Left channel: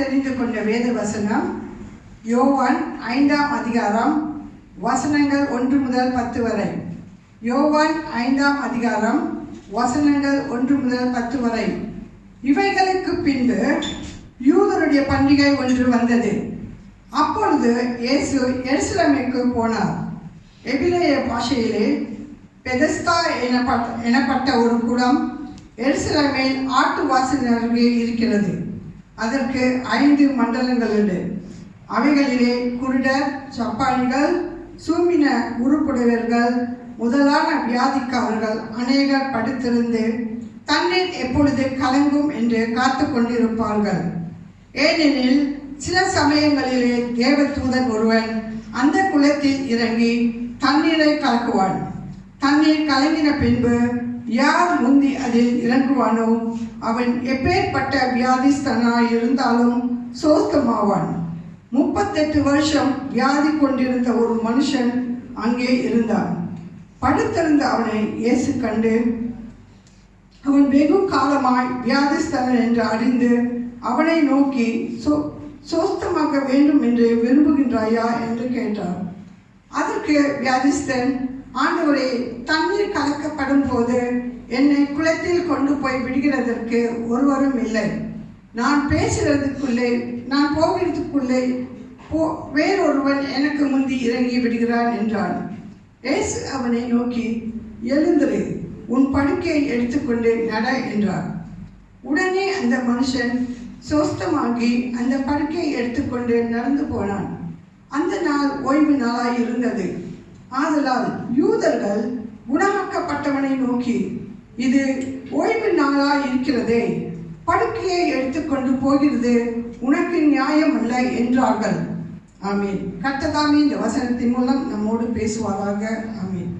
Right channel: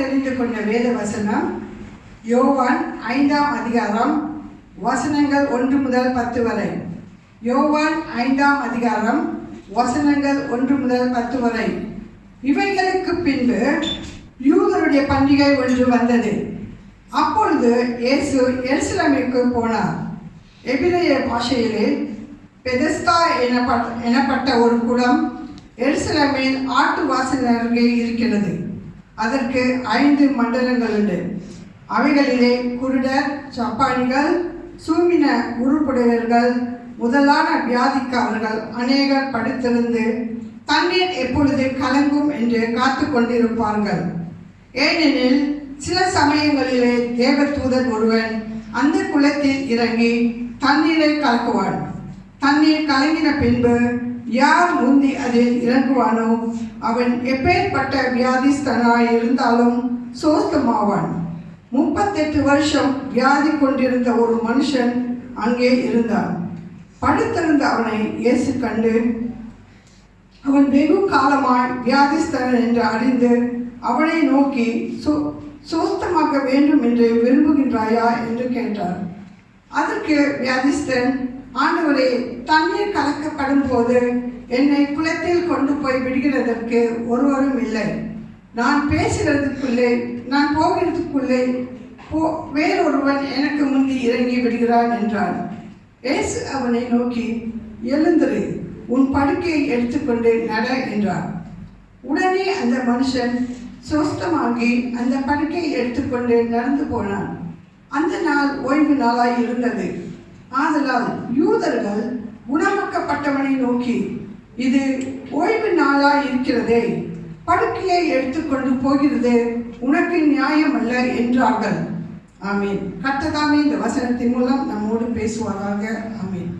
தெரிந்து கொண்ட வேத வசனம் யோவான் 5ஆம் அதிகாரம் வசனங்கள் 1 முதல் 10 வரை. யோவான் 5ஆம் அதிகாரம் வசனங்கள் 1 முதல் 10 வரை. இவைகளுக்கு பின்பு யூதருடைய பண்டிகை ஒன்று வந்தது. அப்பொழுது இயேசு எருசலேமுக்கு போனார். எபிரேய பாஷையிலே பெதஸ்தா எனப்பட்ட ஒரு குளம் எருசலேமில் ஆட்டு வாசல் அருகே இருக்கிறது. அதற்கு 5 மண்டலங்கள் உண்டு. அவைகளிலே குருடர், சப்பானிகள், சூமின உருப்புடையவர்கள் முதலான வியாதிக்காரர்கள் அநேகர் படுத்திருந்து தண்ணீர் எப்பொழுது கலங்கும் என்று காத்து கொண்டிருப்பார்கள். ஏனெனில் சில சமயங்களிலே தேவதூதன் ஒருவன் அந்த குளத்தில் இறங்கி தண்ணீரை கலக்குவான். தண்ணீர் கலங்கின பின்பு யார் முந்தி அதில் இறங்குவானோ அவன் எப்பேற்பட்ட வியாதிஸ்தனாய் இருந்தாலும் சோஸ்தமாவான். 38 வருஷம் வியாதி கொண்டிருந்த ஒரு மனுஷன் அங்கே இருந்தான். படுத்திருந்த அவனை இயேசு கண்டு அவன் வெகு காலமாய் வியாதிஸ்தனன் என்று அறிந்து அவனை நோக்கி சோஸ்தமாக்க வேண்டும் என்று விரும்புகின்றாயா என்று கேட்டார். அதற்கு வியாதிஸ்தன், ஆண்டவரே, தண்ணீர் கலக்கப்படும் போது என்னை குளத்தில் கொண்டு போய் விடுகிறதற்கு ஒருவரும் இல்லை. நான் போகிறதுக்குள்ளே வேறொருவன் எனக்கு முந்தி இறங்கி விடுகிறான் என்றான். இயேசு அவனை நோக்கி, எழுந்திரு, உன் படுக்கையை எடுத்துக்கொண்டு நட என்றார். உடனே அந்த மனுஷன் சொஸ்தமாகி அந்த படுக்கையை எடுத்துக்கொண்டு நடந்து போனான். அந்த நாள் ஓய்வு நாளாய் இருந்தது. ஆதலால் யூதர்கள் குணமாக்கப்பட்டவனை நோக்கி, இது ஓய்வு நாளாய் இருக்கிறதே, படுக்கையை எடுத்துக்கொண்டு போகிறது உனக்கு நியாயம் அல்ல என்றார்கள். ஆமீன். கர்த்தர் இந்த வசனத்தின் மூலம் நம்மோடு பேசுவாராக. ஆமீன்.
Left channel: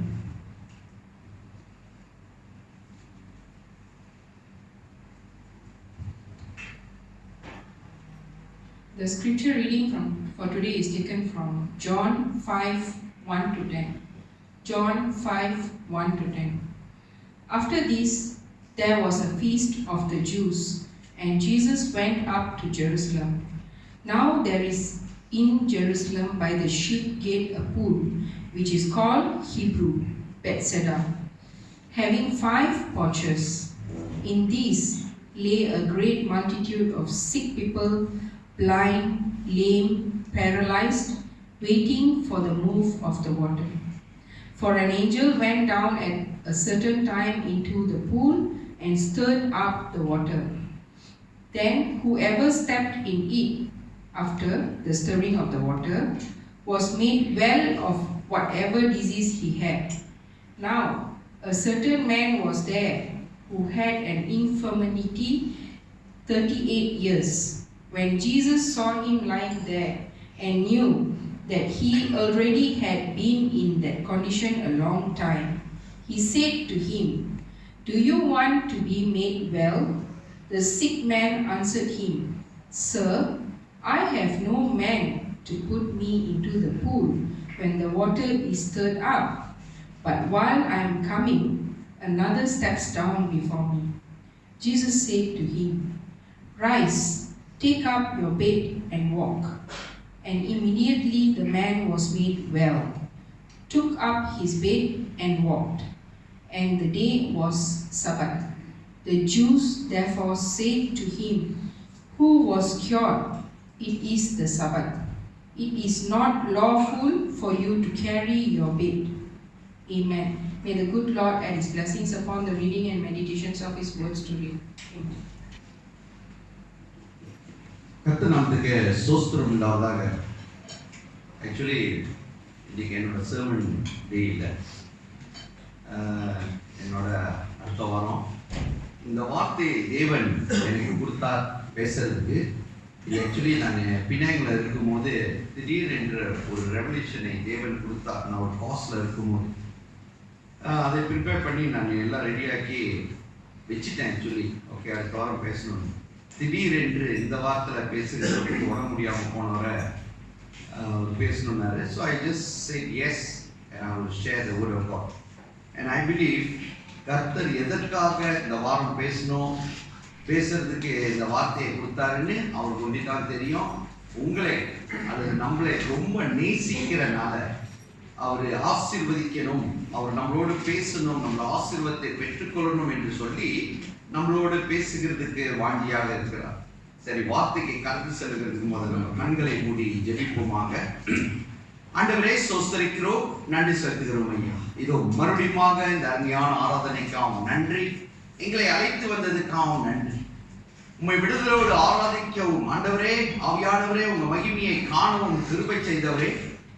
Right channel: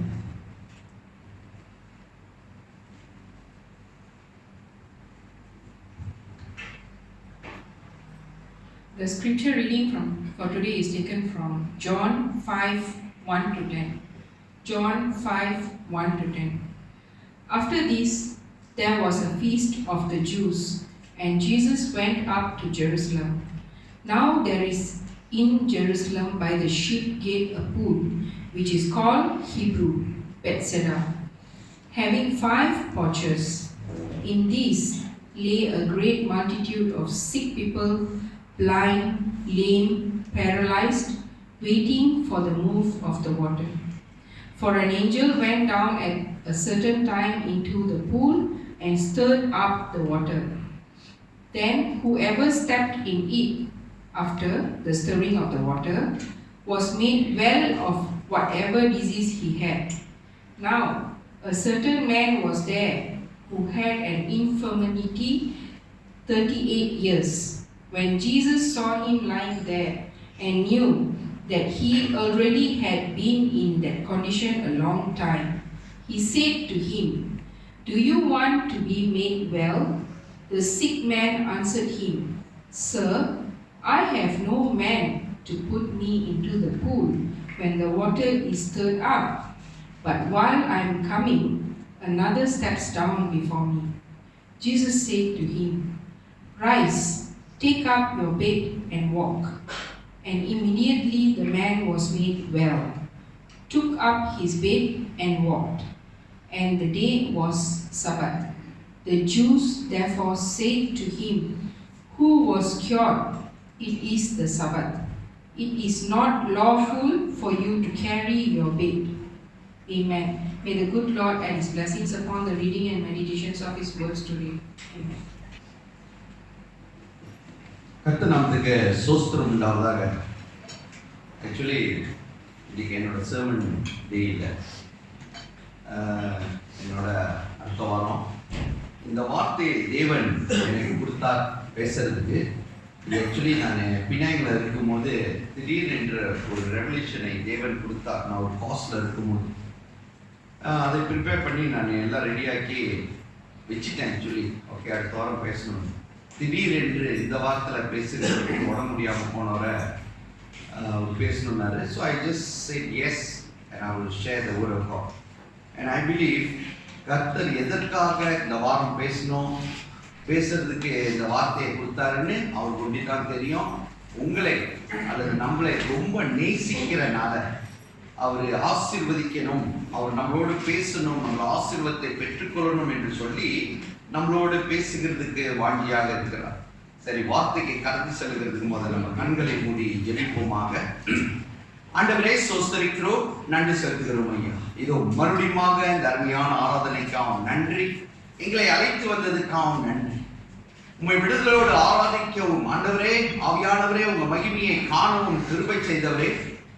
The scripture reading for today is taken from John 5:1-10. John 5:1-10. After this, there was a feast of the Jews, and Jesus went up to Jerusalem. Now there is in Jerusalem by the sheep gate a pool, which is called Hebrew Bethesda, having 5 porches. In these lay a great multitude of sick people, blind, lame, paralyzed, waiting for the move of the water. For an angel went down at a certain time into the pool and stirred up the water. Then whoever stepped in it after the stirring of the water was made well of whatever disease he had. Now a certain man was there who had an infirmity 38 years. When Jesus saw him lying there and knew that he already had been in that condition a long time, he said to him, "Do you want to be made well?" The sick man answered him, "Sir, I have no man to put me into the pool when the water is stirred up. But while I am coming, another steps down before me." Jesus said to him, "Rise, take up your bed and walk." And immediately the man was made well, took up his bed and walked. And the day was Sabbath. The Jews therefore said to him who was cured, "It is the Sabbath. It is not lawful for you to carry your bed." Amen. May the good Lord add his blessings upon the reading and meditations of his words today. Amen. கர்த்தர் நாமத்துக்கு ஸ்தோத்திரம் உண்டாவதாக. Actually இன்றைக்கி என்னோட sermon டே இல்லை, என்னோட அடுத்த வாரம் இந்த வார்த்தை தேவன் எனக்கு கொடுத்தார் பேசுறதுக்கு. இது ஆக்சுவலி நான் பினாங்கில் இருக்கும்போது திடீரென்ற ஒரு ரெவல்யூஷனை தேவன் கொடுத்தார். நான் ஒரு காஸ்டில் இருக்கும்போது அதை ப்ரிப்பேர் பண்ணி நான் எல்லாம் ரெடியாக்கி வச்சுட்டேன். ஆக்சுவலி ஓகே, அடுத்த வாரம் பேசணும். திடீரென்று இந்த வார்த்தையில் பேசுகிறதுக்கு உடம்பு முடியாமல் போனவரை பேசணுன்னாரு. So I just said yes and I will share the word of God. And I believe கர்த்தர் எதற்காக இந்த வாரம் பேசணும், பேசுறதுக்கு இந்த வார்த்தையை கொடுத்தாருன்னு அவருக்கு ஒண்டிதான் தெரியும். உங்களை அல்லது நம்மளை ரொம்ப நேசிக்கிறனால அவர் ஆசீர்வதிக்கணும், அவர் நம்மளோடு பேசணும், நம்மள ஆசீர்வாதத்தை பெற்றுக்கொள்ளணும் என்று சொல்லி நம்மளோடு பேசுகிறதுக்கு வாண்டியாக இருக்கிறார். சரி, வார்த்தைக்கு கடந்து செல்கிறதுக்கு முதல்ல நம்ம கண்களை மூடி ஜெபிப்போமாக. ஆண்டவரே, ஸ்தோத்திரிக்கிறோம், நன்றி செலுத்துகிறோம் ஐயா. இதோ மறுபடியுமாக இந்த அருமையான ஆராதனைக்காகவும் நன்றி, எங்களை அழைத்து வந்ததுக்காகவும் நன்றி. உம்மை விடுதலோடு ஆராதிக்கவும் ஆண்டவரே, ஆவியானவரே, உங்க மகிமையை காணவும் கிருபை செய்தவரே,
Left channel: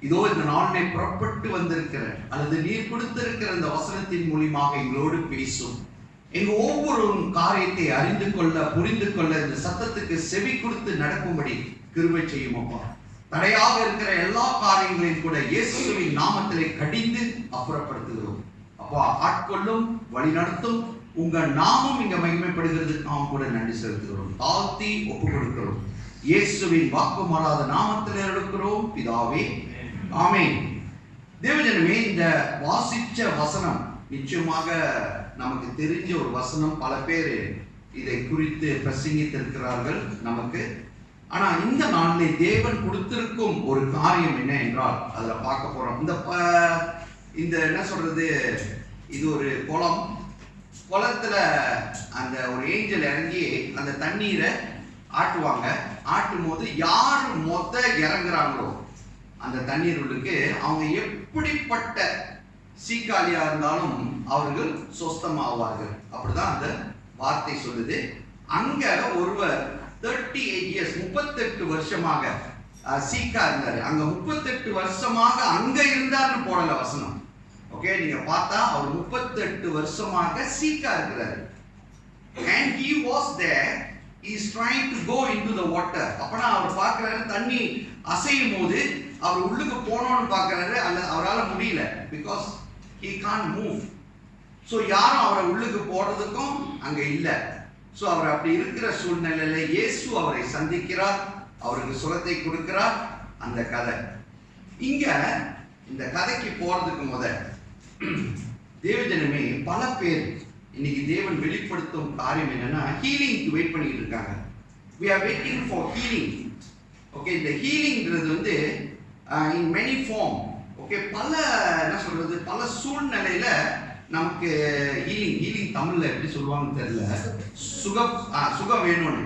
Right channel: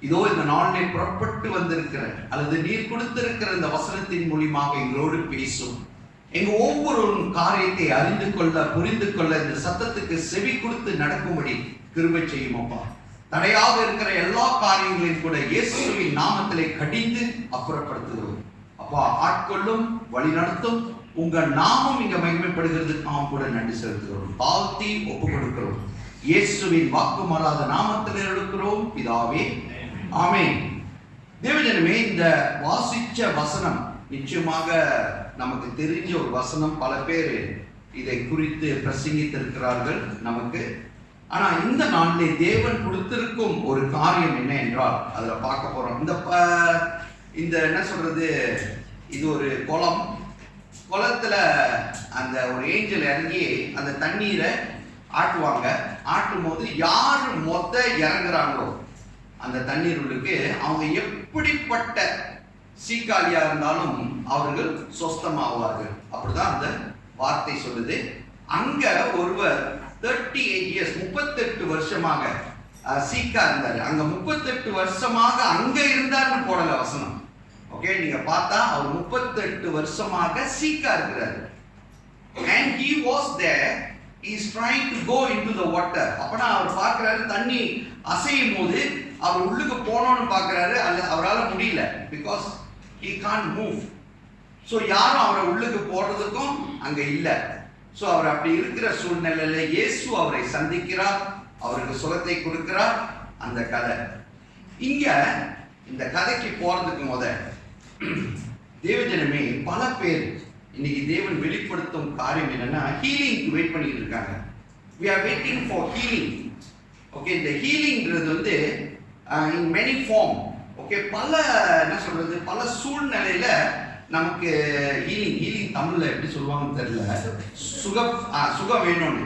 இதோ இந்த நாளிலே புறப்பட்டு வந்திருக்கிற அல்லது நீர் கொடுத்திருக்கிற இந்த வசனத்தின் மூலியமாக எங்களோடு பேசும். எங்க ஒவ்வொரு காரியத்தை அறிந்து கொள்ள, புரிந்து கொள்ள, இந்த சத்தத்துக்கு செவி கொடுத்து நடக்கும்படி கிருபை செய்யும் அப்பா. தடையாக இருக்கிற எல்லா காரியங்களையும் கூட இயேசுவின் நாமத்திலே கடிந்து அப்புறப்படுத்துகிறோம் அப்பா. ஆட்கொள்ளும், வழி நடத்தும், உங்க நாமம் இங்க மகிமைப்படுகிறதுக்கு நாம் கூட நன்றி செலுத்துகிறோம். தாழ்த்தி ஒப்பு கொடுக்கிறோம். இயேசுவின் வாக்கு மாறாத நாமத்தில் எடுக்கிறோம் பிதாவே, ஆமென். தேவஜனமே, இந்த வாசிச்ச வசனம் நிச்சயமாக நமக்கு தெரிஞ்ச ஒரு வசனம். பல பேர் இதை குறித்து பிரசங்கித்திருக்கிறார்கள் நமக்கு. ஆனா இந்த நாளிலே தேவன் கொடுத்திருக்கும் ஒரு காரியம் என்ன என்றால் அதுல பார்க்க போறோம். இந்த என்ன சொல்றது, இது ஒரு குளத்துல அந்த ஒரு ஏஞ்சல் இறங்கி அந்த தண்ணீரை ஆட்டுவாங்க. ஆட்டும் போது யாரு இறங்குறாங்களோ அந்த தண்ணீர் உள்ளுக்கு, அவங்க எப்படிப்பட்ட சீக்காளியா இருந்தாலும் அவர்கள் சொஸ்தமாவார்கள். அப்படிதான் அந்த வார்த்தை சொல்லுது. அங்க ஒருவர் 38 இயர்ஸ் 38 வருஷமாக சீக்கா இருந்தாரு. அங்க 38 வருஷமாக அங்க இருந்தார்னு போடல வசனம். ஓகே, நீங்க பார்த்தா அவர் 38 வருஷமாக சீக்கா இருக்கிறாரு. and he was there, he is trying to go into the water. அப்பனா அவர் பார்க்கறாரு, தண்ணி அசையும் போது அவர் உள்ளுக்கு போகணும்னு பார்க்கறாரு. அல்ல, அவரால் முடியல, because he can't move. So யாரும் அவரை உள்ளுக்கு போடுறதுக்கும் அங்க இல்லை. ஸோ அவர் அப்படி இருக்கிற சூழ்நிலையில இயேசு அவரை சந்திக்கிறார், அவருக்கு சுகத்தை கொடுக்கிறார். அந்த கதை இங்க, இந்த கதைக்கு போறதுக்கு தேவஜனமே, பல பேர் இன்னைக்கு தேவன் வெளிப்படுத்தும் காரியம் என்னன்னா, ஹீலிங்க்கு வெயிட் பண்ணிட்டு இருக்காங்க. we are waiting for healing. Okay, இந்த ஹீலிங்ன்றது in many form. ஓகே, பல என்ன சொல்றது, பல சூழ்நிலையில நமக்கு ஹீலிங் தமிழ்ல எப்படி சொல்லுவாங்கன்னு தெரியல, சுகம் வேணும்னு.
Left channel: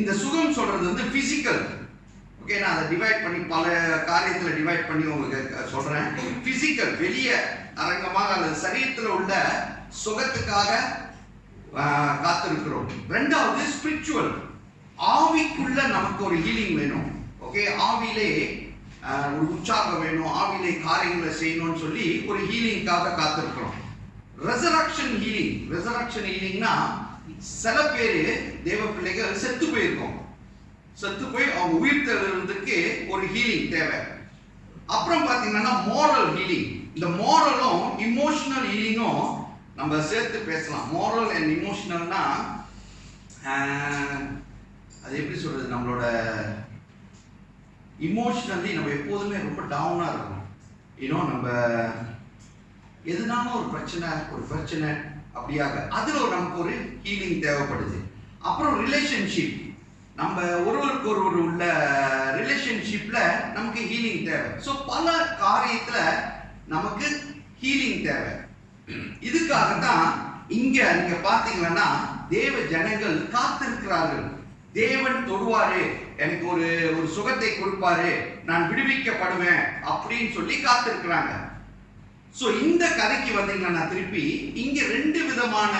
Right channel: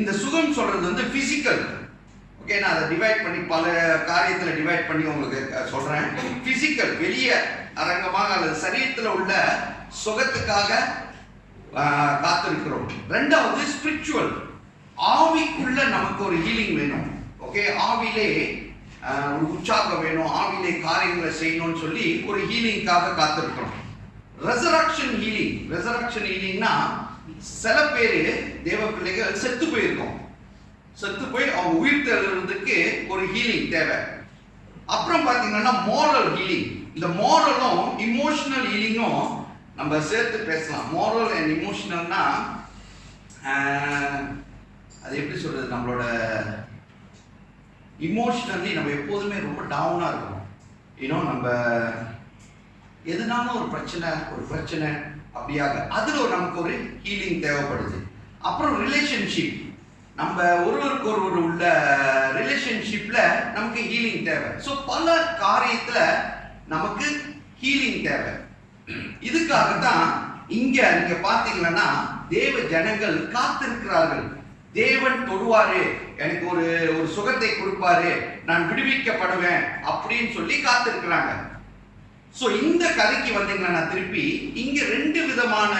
இந்த சுகம் சொல்றது பிசிக்கல். ஓகே, நான் அதை டிவைட் பண்ணி பல காரியத்தில் டிவைட் பண்ணி உங்களுக்கு சொல்றேன். பிசிக்கல், வெளியே அரங்கமாக அல்லது சரீரத்தில் உள்ள சுகத்துக்காக காத்திருக்கிறோம். ரெண்டாவது ஸ்பிரிச்சுவல், ஆவிக்குள்ள நமக்கு ஒரு ஹீலிங் வேணும். ஓகே, ஆவிலே ஒரு உற்சாகம் வேணும், ஆவிலே காரியங்களை செய்யணும்னு சொல்லி ஒரு ஹீலிங்காக காத்திருக்கிறோம். ரெசரக்ஷன் ஹீலிங்னா, சில பேர் தேவ பிள்ளைகள் செத்து போயிருக்கோம், செத்து போய் அவங்க உயிர் தெழுறதுக்கு ஒரு ஹீலிங் தேவை. அப்புறம் பார்த்தீங்கன்னா மோரல் ஹீலிங். இந்த மோரலும் இமோஷனல் ஹீலிங்கும் நம்ம சேர்த்து பேசலாம். மோரல் அண்ட் இமோஷனல்னா அது எப்படி சொல்றது, நம்மளோட இமோஷனலி நம்ம எப்போதுமே ரொம்ப டவுனாக இருக்கணும். இன்னும் நம்ம எதுனாலும் ஒரு பிரச்சனை அப்படியாக அதில் நமக்கு ஒரு ஹீலிங் தேவைப்படுது. அப்புறம் ரிலேஷன்ஷிப், நம்ம ஒருவருக்கு ஒருவர் உள்ள ரிலேஷன்ஷிப்ல நமக்கு ஹீலிங் தேவை. ஸோ பல காரியத்தில் நமக்கு ஹீலிங் தேவை. இதுக்காகத்தான் இங்க நீங்க பார்த்தீங்கன்னா தேவ ஜனங்கள் காத்திருக்கிறார்கள். தேவன் தொடுவாரு, எனக்கு ஒரு சுகத்தை கொடுப்பாரு, நான் விடுவிக்கப்படுவேன் அப்படின்னு சொல்லி காத்திருக்கிறாங்க. ஸோ இந்த கதைக்கு வந்தீங்கன்னா திருப்பி இங்க 2 விதமான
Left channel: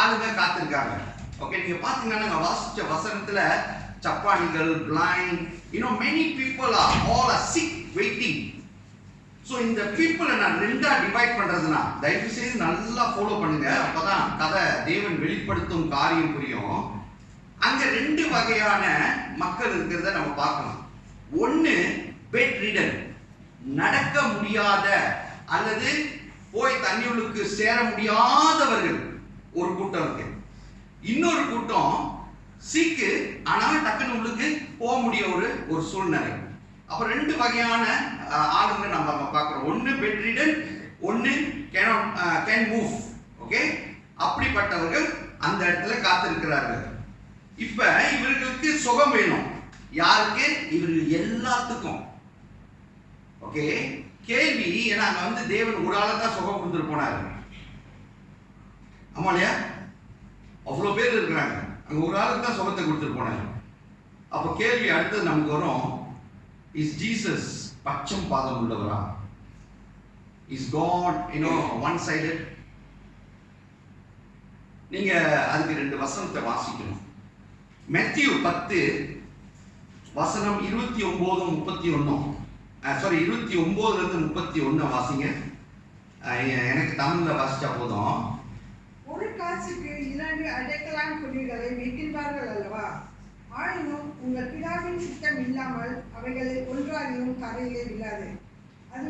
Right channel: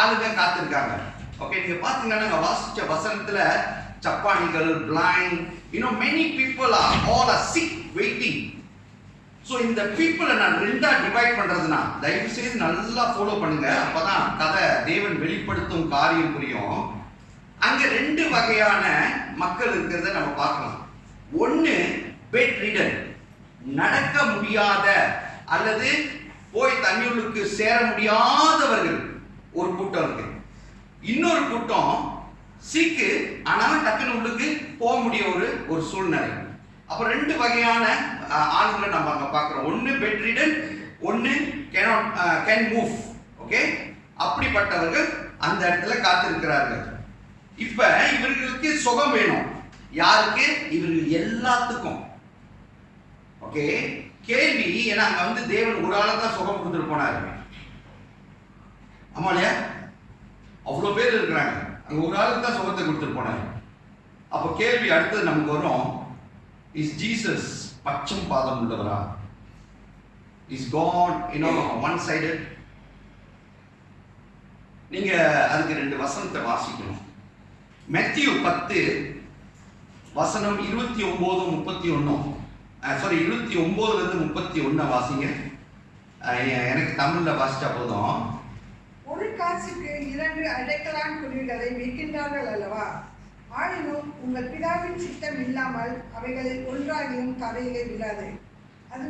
ஆளுங்க காத்திருக்காங்க. ஓகே, நீங்க பாத்தீங்கன்னா நாங்க வாசிச்ச வசனத்துல சப்பானிகள், blind, many people all are sick waiting. ஸோ இந்த பீப்புளை நான் 2ஆ டிவைட் பண்றதுனா தயவு செய்து நல்லா ஃபாலோ பண்ணுங்க, அப்பதான் கதை தேவன் வெளிப்படுத்தும் காரியம் புரியும். அங்க 2 வகையான மக்கள் இருக்கிறத நம்ம பார்க்கலாம். ஒன்னு பெட் ரிடன், நடக்க முடியாத அல்லது போய் தண்ணியுள்ளுக்கு சேர முடியாதவர்கள் ஒரு கூட்டம் இருக்கு. இன்னொரு கூட்டம் சீக்கு, ஆனாலும் டக்குன்னு உள்ளுக்கு போக முடிய ஒரு சூழ்நிலை. அப்ப 2 வகையான ஆளுங்களை நம்ம அங்க பார்க்கிறோம். ஒன்னு பெட் ரிடன், ஒன்னு கேன் மூவ். ஓகே, அப்படிப்பட்டவர்கள் அந்த இடத்துல காத்திருக்கிறார்கள். இப்ப இவர்களுக்கு சுகம் வேணும். யாருக்கு? இவர்கள் எல்லாத்துக்கும். ஓகே, கேள்வி, ஏன்னா அங்க வந்து தேவன் ஒரு ஆளை தான் சுகம் கொடுத்துட்டு போனாரு. ஆமா இல்லையா? அவ்வளோ பேர் இருக்கிறாங்க, அங்க ஒரு ஆளுக்கு தான் சுகத்தை கொடுத்துட்டு போனாரு. அப்போ கேள்வி அடுத்தது நமக்கு வரும், இஸ் ஜீசஸ் பச்சம் பாதம் உள்ளவரா? Is God one sided? நீங்க அதுக்கு 2 வசனத்தை வாசிக்கணும். மேத்யூ 10 வசனம் 29-31. சாரி, 29-31 வாசிங்க. எனக்கு தமிழ்ல வாசிச்சா போதும். ஒரு காசுக்கு 2 அடைக்கலான் குருவிகளை விற்கின்றார்கள் அல்லவா? ஆயினும் உங்கள் பிதாவின் சித்தம் இல்லாமல் அவைகளில் ஒன்றாகியும் தரையிலே விழாது. அது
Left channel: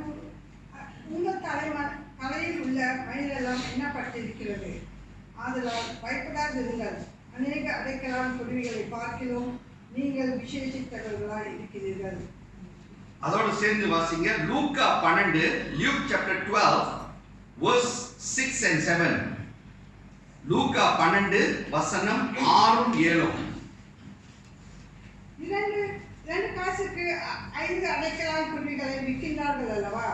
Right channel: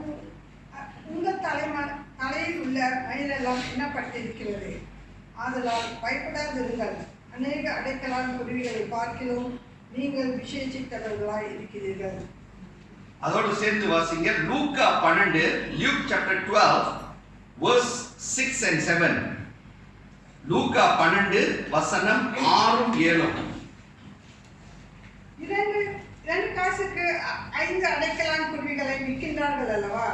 உங்கள் தலையில் உள்ள மயிலெல்லாம் எண்ணப்பட்டிருக்கிறது. ஆதலால் பயப்படாதிருங்கள். அநேக அடைக்கலான் குருவிகளை பார்க்கிறோம், நீங்கள் விசேஷித்தவர்களாய் இருக்கிறீர்கள். அதோடு சேர்ந்து வாசிங்க லூக்கா 12, Luke chapter 12 verse 6 and 7. லூக்கா 12 வசனம் 6-7. 2 காசுக்கு 5 அடைக்கலான் குருவிகளை விற்கின்றார்கள் அல்லவா?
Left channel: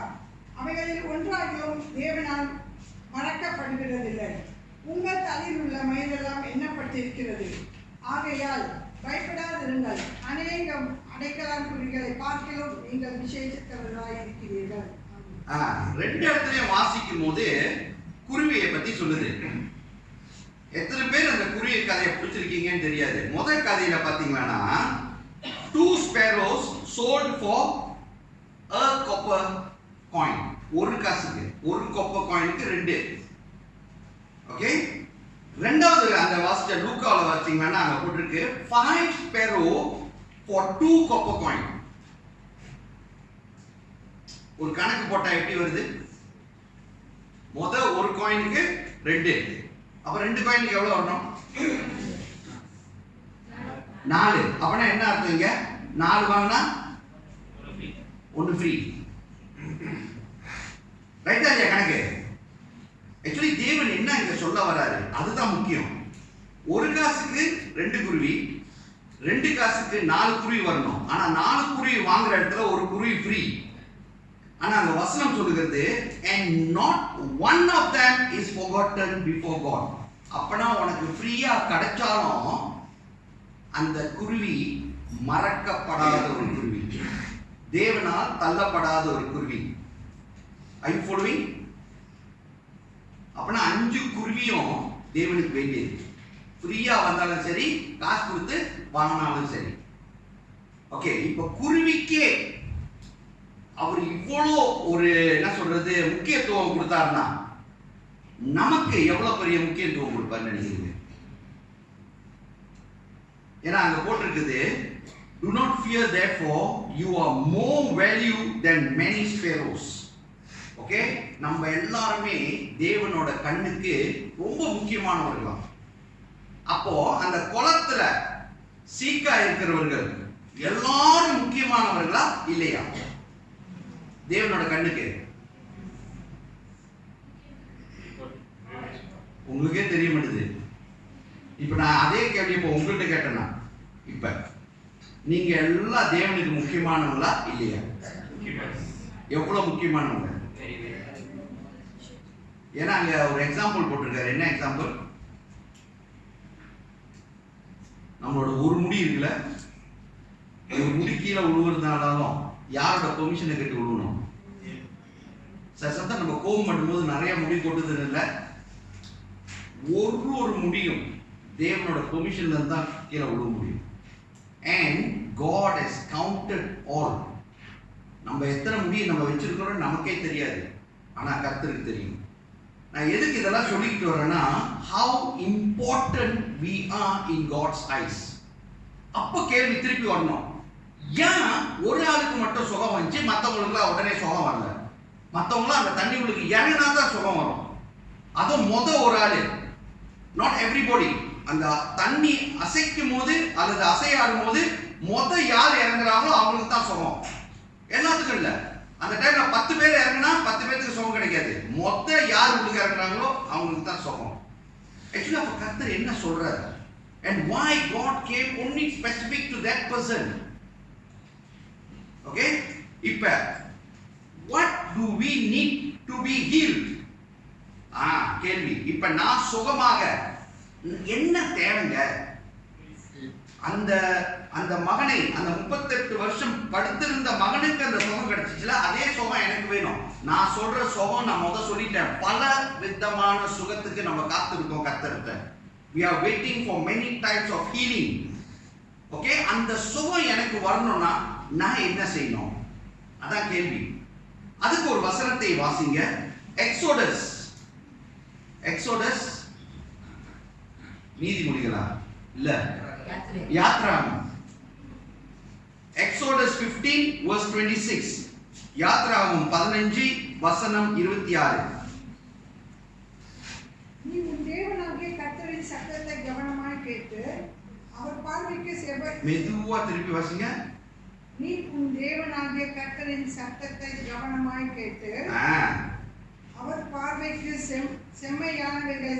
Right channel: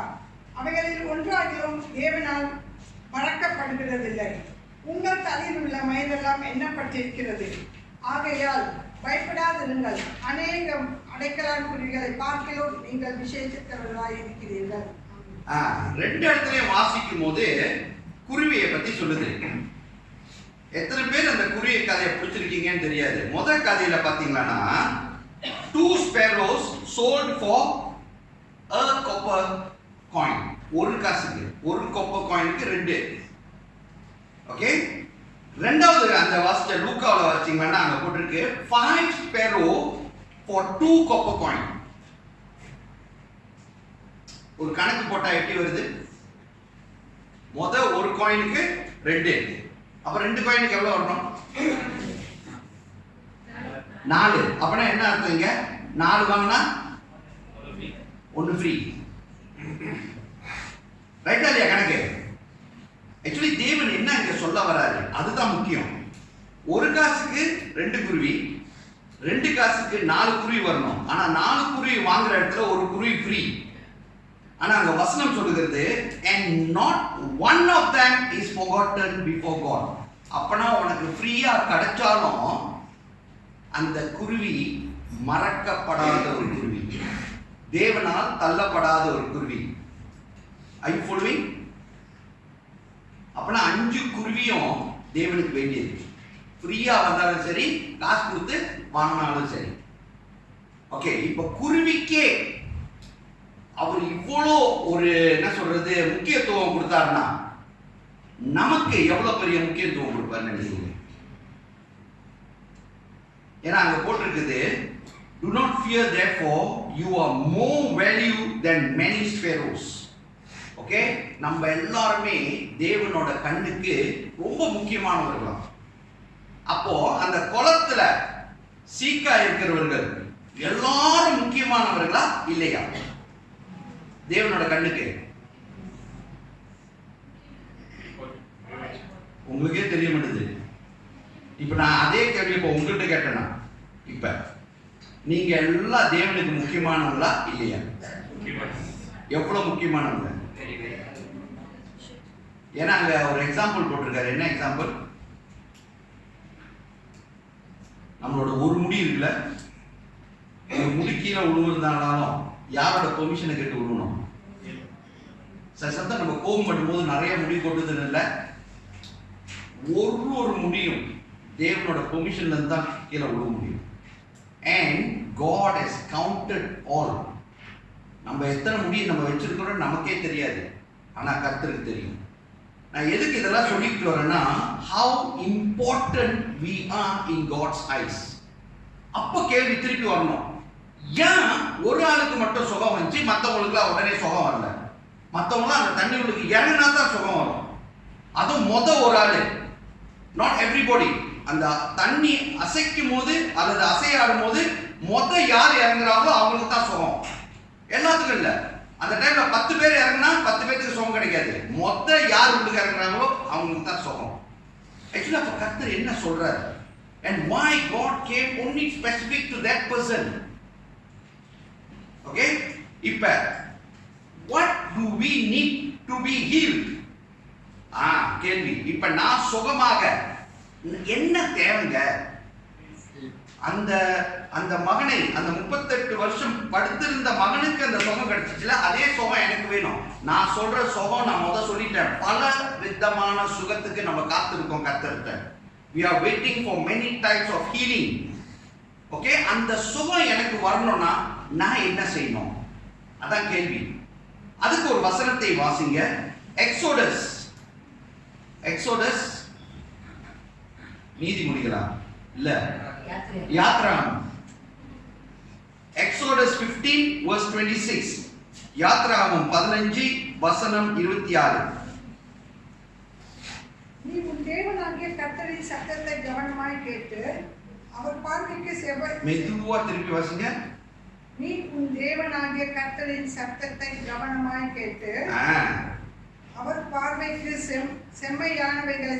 அவைகளில் ஒன்றாகிலும் தேவனால் மறக்கப்படுகிறதில்லை. உங்கள் தலையில் உள்ள மயிலெல்லாம் எண்ணப்பட்டிருக்கிறது. ஆகையால் பயப்படாதிருங்கள். அநேகம் அடைக்கலான் குருவிகளை பார்க்கிறோம், நீங்கள் விசேஷித்தவர்களாய் இருக்கிறீர்கள். 2 இடத்துலயும் வாசிக்கும் போது குருவியை பத்தி சொல்லுது. எத்தனை பேர் அந்த குருவி கதையை பிடிச்சிருக்கீங்கன்னு தெரியாது. முதல் கதையில பாத்தீங்கன்னா 2 sparrows sold for a copper coin. ஒரு காசுக்கு, ஒரு காப்பர் காயினுக்கு 2. ஓகே, ரெண்டாவது அந்த வாசிச்ச லூக்காவில் வாசிச்சீங்கன்னா அங்க போட்டிருக்கு 5 sparrow for 2 copper coin. ஒரு கணக்கு போட்டா எப்படி வருது? ஒரு காயினுக்கு 2, அப்ப 2 காயினுக்கு எவ்வளவு வரணும்? 4. அப்பனா என்ன அர்த்தம்? இங்க 4 வாங்கினா 1 ஃப்ரீ. ரைட்டா இல்லையா கணக்கு? ஆக்சுவலி தேவன் என்ன இங்க சொல்ல வராரு அதுதான் முக்கியம். ஒரு காசுக்கு 2 குருவி, 2 காசுக்கு 4 குருவி வரணும். ஆனா 4 குருவி வாங்குற இடத்துல ஒரு குருவி ஃப்ரீ. ஆனா அங்க வசனம் சொல்லுகிறது and not one of them is forgotten before God. அப்பனா உனக்கு ஃப்ரீயா கிடைச்சாலும் அந்த குருவி மறக்கப்படாத ஒரு குருவி, தேவனால் தள்ளப்படாத ஒரு குருவி. ஐ following? அப்பனா 5 குருவியும் தேவனுக்கு வேண்டியது. ஃப்ரீயா வந்தாலும் சரி, காசு கொடுத்து வாங்கினாலும் சரி. ஓகே, இப்ப குருவிக்கே அவர் இவ்வளோ ஒரு என்ன சொல்றது முக்கியத்துவம் கொடுத்தாருன்னா நமக்கு எவ்வளவு பெரிய முக்கியத்துவம் கொடுப்பாருன்னு நினைக்கிறீங்க? ஏன்னா அங்க போட்டிருக்குது do not fear therefore you are more value than many sparrows. Okay, நம்ம எல்லாருமே தேவனோட கண்ணுக்கு ரொம்ப முக்கியமானவர்களாம். அப்போ அந்த குளத்துல சீக்கா இருக்கிறவர்கள் எல்லாரும் முக்கியமானவர்களா இல்லையா தேவனோட கண்ணுக்கு? உங்களுக்கே தெரிய மாட்டேது. இப்ப நான் அதே கேள்வி இப்ப உங்கள்கிட்ட கேட்டேன்னா, இப்ப நீங்க எல்லாம் தேவனுக்கு முக்கியமானவங்களா இல்லையா? எவ்வளவு முக்கியமானவங்க? ஏன்னா அங்க ஒரு எக்ஸாம்பிள் போட்டிருக்காரு. என்ன எக்ஸாம்பிள்? நம்மளோட ஒரு முடி இருக்குல்ல, ஒரு முடி கீழே விழுவுறதுனாலும் யாரோட பெர்மிஷனை கேட்டு விழுவணும்? சத்தம் நம்ம கோபம் பண்ணும்போது நிறைய முடி கொட்டுதுன்னு இல்லை, ஒரு முடியும் தேவனோட பெர்மிஷன்ல இருந்து தான் கீழே விழுவ முடியும். And God has counted all. நம்ம எத்தனை முடியை நம்ம வச்சிருக்கிறோம் நமக்கே தெரியாது, ஆனா கர்த்தருக்கு தெரியும். நான் எதுக்கு இதெல்லாம் சொல்லிட்டு வரேன்னா, how important we are in God's eyes. அப்போ கேள்வி திருப்பி வரணும், ஏன் ஒரு ஆளுக்கு மட்டும் சுகம் வந்துச்சு, மற்றவங்களுக்குலாம் உடனே சுகம் வரல? மற்றவங்களாம் அந்த தண்ணி உங்களுக்கு இறங்கினா தான் சுகம் வரும். அதுவும் ஒரு ஆளு, நாட் எவ்ரிபடி. அந்த தண்ணி அசைக்கும் போது அல்லது அசையாடும் போது யார் இறங்குறாங்களோ அவங்களுக்கு தான் சுகம், எல்லாத்துக்கும் இல்லை. அந்த டைம்ல 10 பேர் இறங்கினா 10 பேருக்கு சுகம் கிடைக்காது. யார் வீட்டுக்கு இறங்குறாங்களோ அவங்களுக்கு தான் சுகம். ஆக்சுவலி அப்ப கர்த்தர் என்ன சொல்றாரு? and why God came only specific to that person. Okay, இப்ப what do we need to be healed? கேள்வி. இப்ப நான் சுகமாக என்ன தேவைங்க? அந்த அந்த மகனை, அந்த 38 வருஷம் படுத்திருந்த மகனுக்கு அந்த சுகம் கிடைச்சிச்சுல, அதே சுகம் எனக்கு வேணும். நான் சொல்ற சுகம் நான் சொல்லிட்டேன், பல விதமான சுகத்துக்கு நம்ம காத்திருக்கோம் கர்த்தர்கிட்ட. We are waiting for many types of healing. Okay, அந்த சுகம் எனக்கு வரணும்னா நான் என்ன செய்யணும்? அதான் கேள்வி. அதுக்கு ஒரு வசனத்தை வாசிங்க. எக்ஸோடஸ் நீதிமொழிகளா இல்ல யாத்ராகமம். Exodus 15 verse 26. யாத்ராகமம் 15 வசனம் 26. நீ உன் தேவனாகிய கர்த்தரின் சத்தத்தை கவனமாய் கேட்டு அவர் பார்வைக்கு மெதுவா திருப்பி வாசிங்க. நீ உன் தேவனாகிய கர்த்தரின் சத்தத்தை கவனமாய் கேட்டு அவர் பார்வைக்கு செம்மையானவைகளை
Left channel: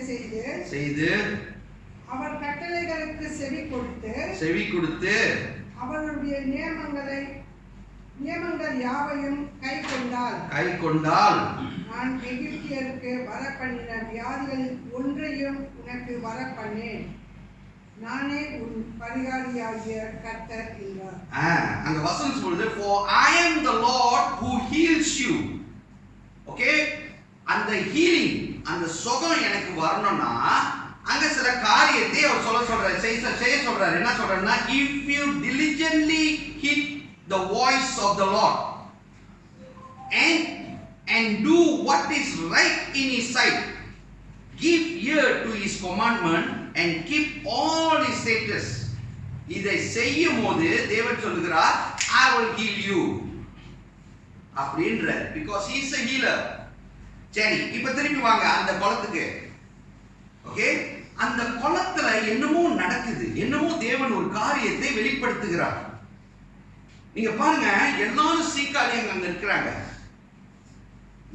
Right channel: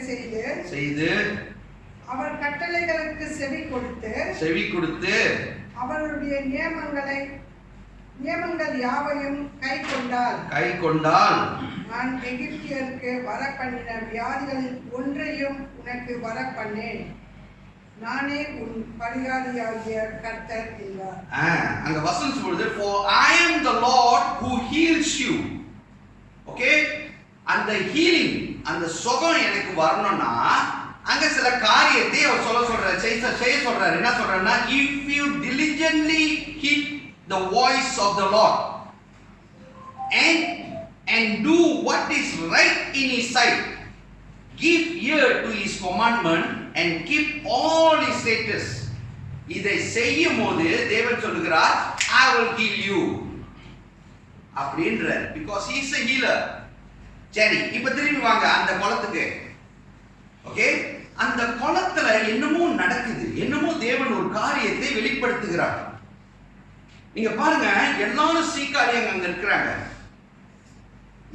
செய்து அவர் கட்டளைகளுக்கு செவி கொடுத்து அவருடைய நியமங்கள் யாவையும் கை கொண்டால் நான் எகிப்தியருக்கு வரப்பண்ணின வியாதிகளில் ஒன்றையும் உனக்கு வரப்பண்ணேன். நானே உன் பரிகாரியாகிய கர்த்தர் என்றார். அங்க வசனம் சொல்லுது, for I am the Lord who heals you. Okay, அந்த ஹீலிங், அந்த சுகம் எனக்கு வரணும்னா அங்க சில காரியத்தை அவர் செய்ய சொல்றாரு. என்ன சொல்றாருன்னா, if you diligently heed the voice of the Lord and do what is right in his sight, give ear to his commandment and keep all his statutes. இதை செய்யும் போது தேவன் சொல்லுகிறார், I will heal you அப்படின்றார், because he is a healer. சரி, இப்ப திரும்பி வாங்க அந்த குளத்துக்கு. ஓகே, அந்த குளத்துல என்னமோ நடக்குது, என்னமோ தேவன் ஒரு காரியத்தை வெளிப்படுத்துகிறார். நீங்க பாருங்க, எல்லாரும் சீக்காளியங்க அங்க இருக்கிறாங்க.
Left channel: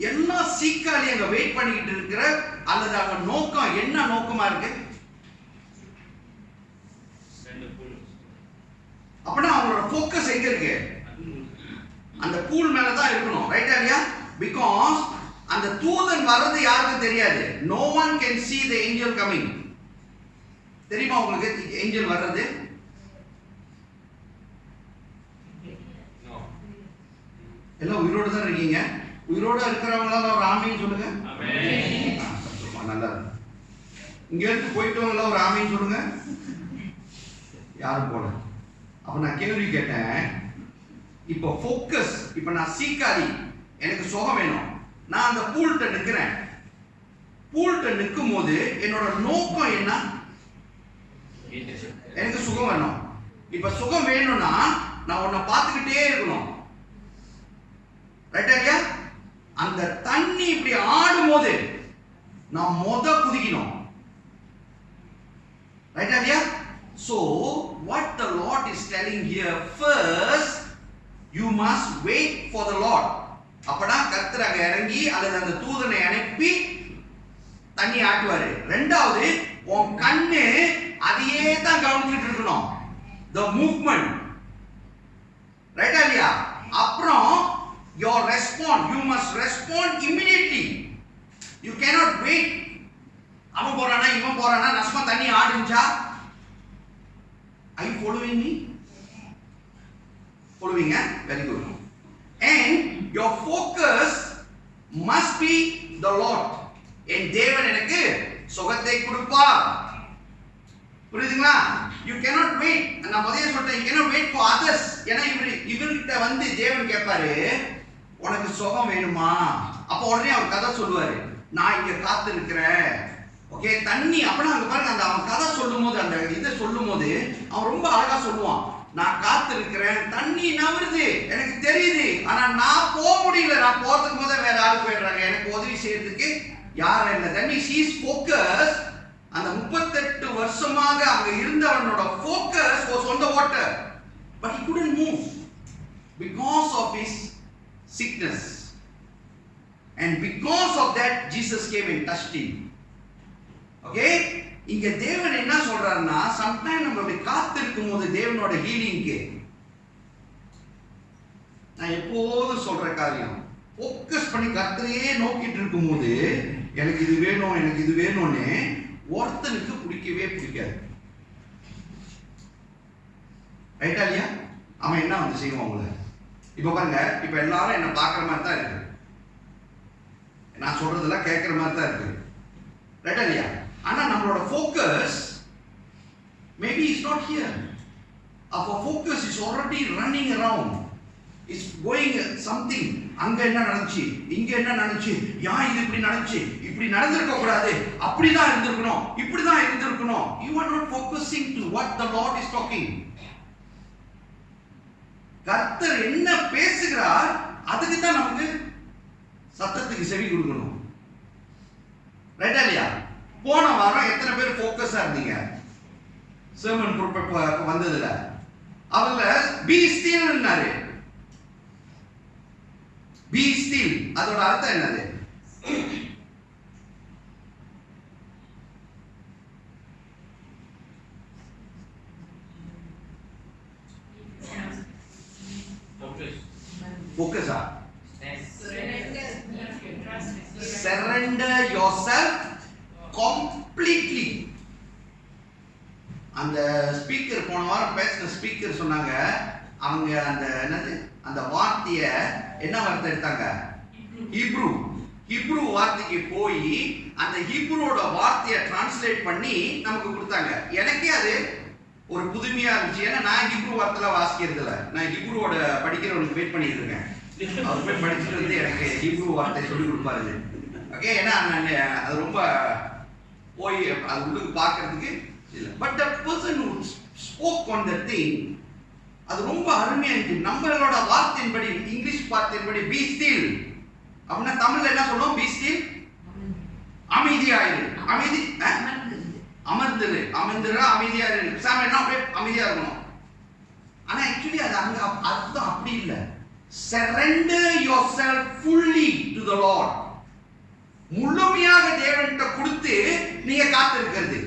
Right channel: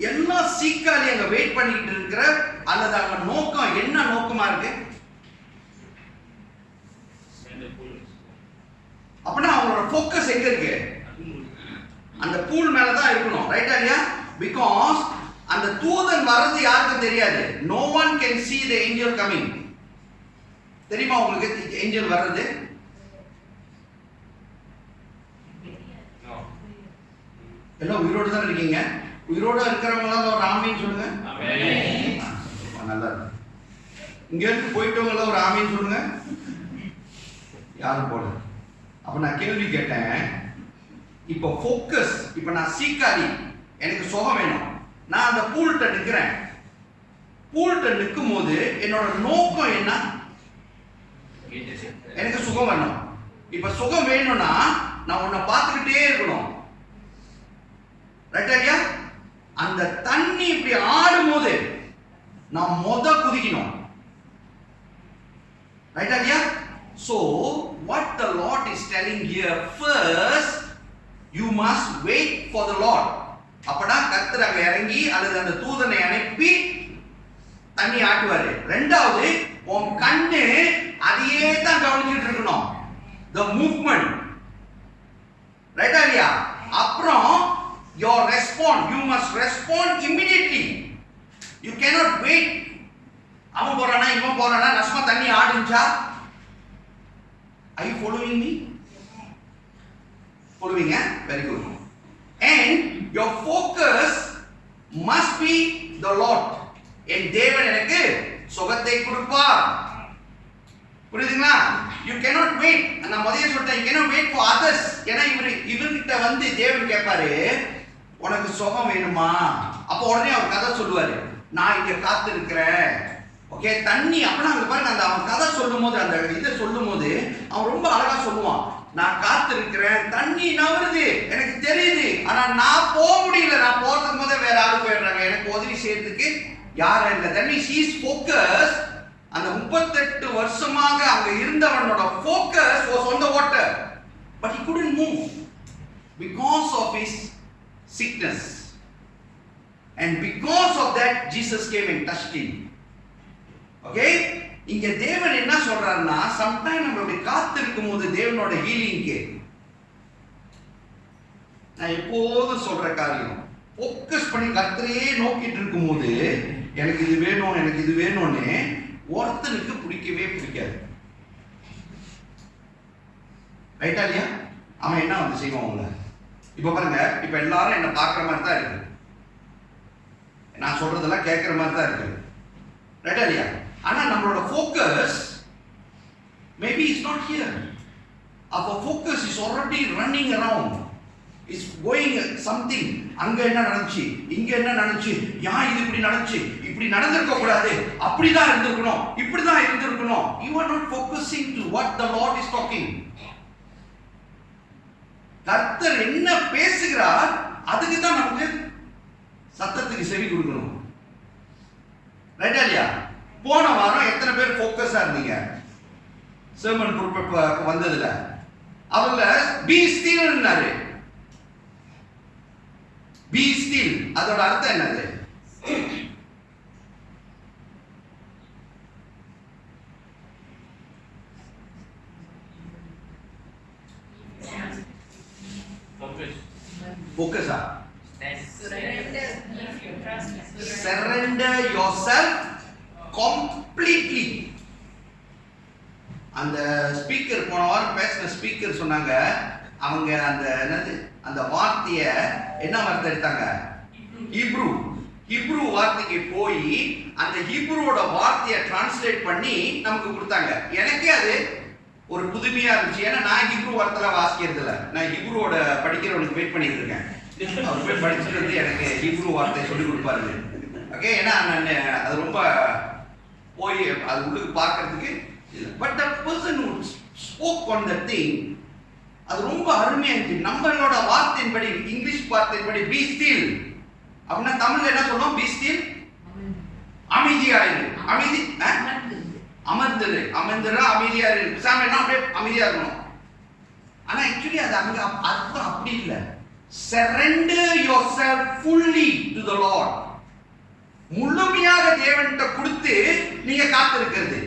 எல்லா சீக்காளியங்க வெயிட் பண்ணிட்டு இருக்கிற, அல்லது அங்க நோக்கம் என்ன நோக்கமா இருக்கு? அப்படின்னா அவங்களோட ஃபோக்கஸ் எங்க இருக்கு? அந்த பூல் மேலதான் இருக்கணும். ரைட்டா இல்லையா? பிகாஸ் அந்த தூதன் வர்றது யாருக்கும் தெரியாது. no one can see the angel coming. தெரியுமா உங்களுக்கு ஏஞ்சல் வர்றது? எல்லாம் உயிரோடு தான் இருக்கீங்க. உயிரோட இருக்கிறவங்க ஒரு ஆமீன் சொல்லுங்க. நல்லா இருக்கு. இங்க இருந்து போயிட்டவங்க ஒரு ஆமீன் சொல்லுங்க. யாரும் போல. அப்ப நான் கேள்வி கேட்டேன், இப்போ ஃபோக்கஸ், இப்போ நான் சீக்காளி, எனக்கு சுகம் வேணும், நான் அந்த பூல்ட்ட நிற்கிறேன். பூல்ட்ட நிற்கும் போது என்னோட நோக்கம் என்ன? எனக்கு சுகம் வேணும். இப்ப சுகம் வேணும்னா நான் உன்னை பார்த்துக்கிட்டே இருக்கணும். ரைட்டா இல்லையா? அந்த தண்ணி இப்படி ஆடும் போது நான் குதிக்கணும். ரைட்டா இல்லையா? So what the Lord is telling here, first you must wait for the Lord. அப்படா கர்த்தர் அங்க இறங்கி அல்லது அந்த தூதனை அனுப்பி தண்ணி ஆட்டுவாரு. ரெண்டாவது, உன் கண்ணு அதையே தான் கவனிச்சுட்டு இருக்கணும், the movement. ரைட்டா இல்லையா? அப்புறம் your response, you must respond immediately. You cannot wait. அவன் போறானா இவன் போறானா, நஸ்மா தண்ணி ஆடுச்சா? Are you following me? Following, very good. And your focus must be the Lord. என் தேவன் எனக்கு சுகத்தை கொடுப்பார். புரியுதுங்களா? You cannot wait. நான் முதல்ல சொல்லிட்டேன், you cannot wait for others. ஏன்னா இவர்கிட்ட வந்து தேவன் கேட்பாரு, உனக்கு சுகம் வேணுமா? அப்போ உடனே அவர் கதை சொல்லுவாரு, நான் இங்க காத்து இருக்கிறேன். ஓகே, தண்ணி. அப்படின்னா அங்க பாருங்க, அந்த அவன் கதை சொல்லும் போது, அந்த இதை சொல்லும் போது அவன் ரொம்ப அழகா சொல்லுவான், நான் காத்து இருக்கிறேன், தண்ணி நவருது, எனக்கு தெரியுது, ஆனா நான் போக முடியல, நான் போறதுக்கு போதே வேற ஆளு போயிடுறாங்க, எனக்கு உதவி செய்யறதுக்கு யாரும் இல்லை. தண்ணி சீஸ் ஃபோக்கஸ். அந்த 38 வருஷமாக அங்க இருந்தவனோட focus was on the water, but he couldn't move because of his sickness, and because of that Jesus came and touched him. Okay, இங்க தேவன் என்ன சொல்றாருன்னா, சம்டைம் நம்ம இப்படி காத்திருக்கும் போது தேவனோட ஹீலிங்க்கு, நான் எப்போதும் சொல்ற காரியம், ஃபோக்கஸ் பண்ணி கர்த்தரையே நோக்கிட்டு இருக்கும் போது எனக்கு இது வேணும் எனக்கு இது வேணும்னு ஒருத்தனுக்கு பிடிக்கவே பிடிக்காது. ரைட்டா இல்லையா? அவன் என்ன வந்து செய்வான் உங்களை? இப்ப பாருங்க, இப்ப எல்லாரும் என்ன பார்க்குற மாதிரி தான் இருக்கு, நான் சொல்றதெல்லாம் கேட்குற மாதிரி தான் இருக்கு. ரைட்டா இல்லையா? ஆனா நம்மளோட focus maybe is not here. our focus is already running around, is going something. அங்க என்ன நடந்துச்சு, இங்க என்ன நடந்துச்சு, ஏன் இது இப்படி நடந்துச்சு, இப்படி நடந்திருக்க கூடாது, அப்படிதான் இருந்திருக்கணும், இப்படிதான் இருந்திருக்கணும். You are not focusing to what the Lord is talking. கர்த்தர் என்ன பேசுகிறார் அதுக்கு தான் நமக்கு சத்தத்துக்கு செவி கொடுக்கணும். ரைட்டா இல்லையா? போன வாரம் எத்தனை பேர் ஃபோக்கஸா இருந்தீங்க சர்மன் குரூப் வந்ததுல? அவங்கள பி ஸ்டில்னாரு. பி ஸ்டில் அதோட அர்த்தம் என்னது? ஃபோக்கஸா? Surrender yourself completely. அந்த ஸ்பீக்கர் போன வாரம் பேசின ஸ்பீக்கர் சொன்னாங்க, அவங்க அந்த என்னது அந்த வார்த்தைய என்ன வார்த்தை எடுத்தாங்க? ஹீப்ரு வார்த்தைக்கு போய் அந்த ஹீப்ருவோட வார்த்தையை டிரான்ஸ்லேட் பண்ணி நமக்கு கொடுத்தாங்க. எனக்கே அது ஒரு புதுமையா இருந்துச்சு. ஏன்னா நான் ஹீப்ரு வார்த்தைலாம் வாசிக்கிறது இல்லை, நான் ஹீப்ருவோட படிக்கிறவனுக்கு வெயிட் பண்ணிட்டு இருக்கேன். அவர் போய் படிச்சுட்டு வந்து எனக்கு ஹீப்ரு வார்த்தை சொல்லி கொடுப்பாரு. ஓகே, ஏன்னா நான் அது ரொம்ப போய் அது உள்ளுக்கு பார்க்கறதுக்கு இல்லை. But the person who spoke on that thing, அது ரொம்ப அருமையா இருந்துச்சு. நம்மளோட வார்த்தையின்படி, இங்கிலீஷ் வார்த்தையின்படி பி ஸ்டில் அப்படின்னா தமிழ்ல என்ன சொல்லுவோம்? பி ஸ்டில், அமைதியாயிரு. அமைதி, அமர்ந்துரு, அமைதியா இரு. சாமி என்ன அப்படியே அமைதியா இருக்கணும். ஆனா ஆக்சுவலி அது அங்க அர்த்தம் அப்படி இல்லை. Surrender yourself fully to the Lord. முழுமையாக தேவன்கிட்ட கொடுத்து நீங்க காத்திருக்கிறது.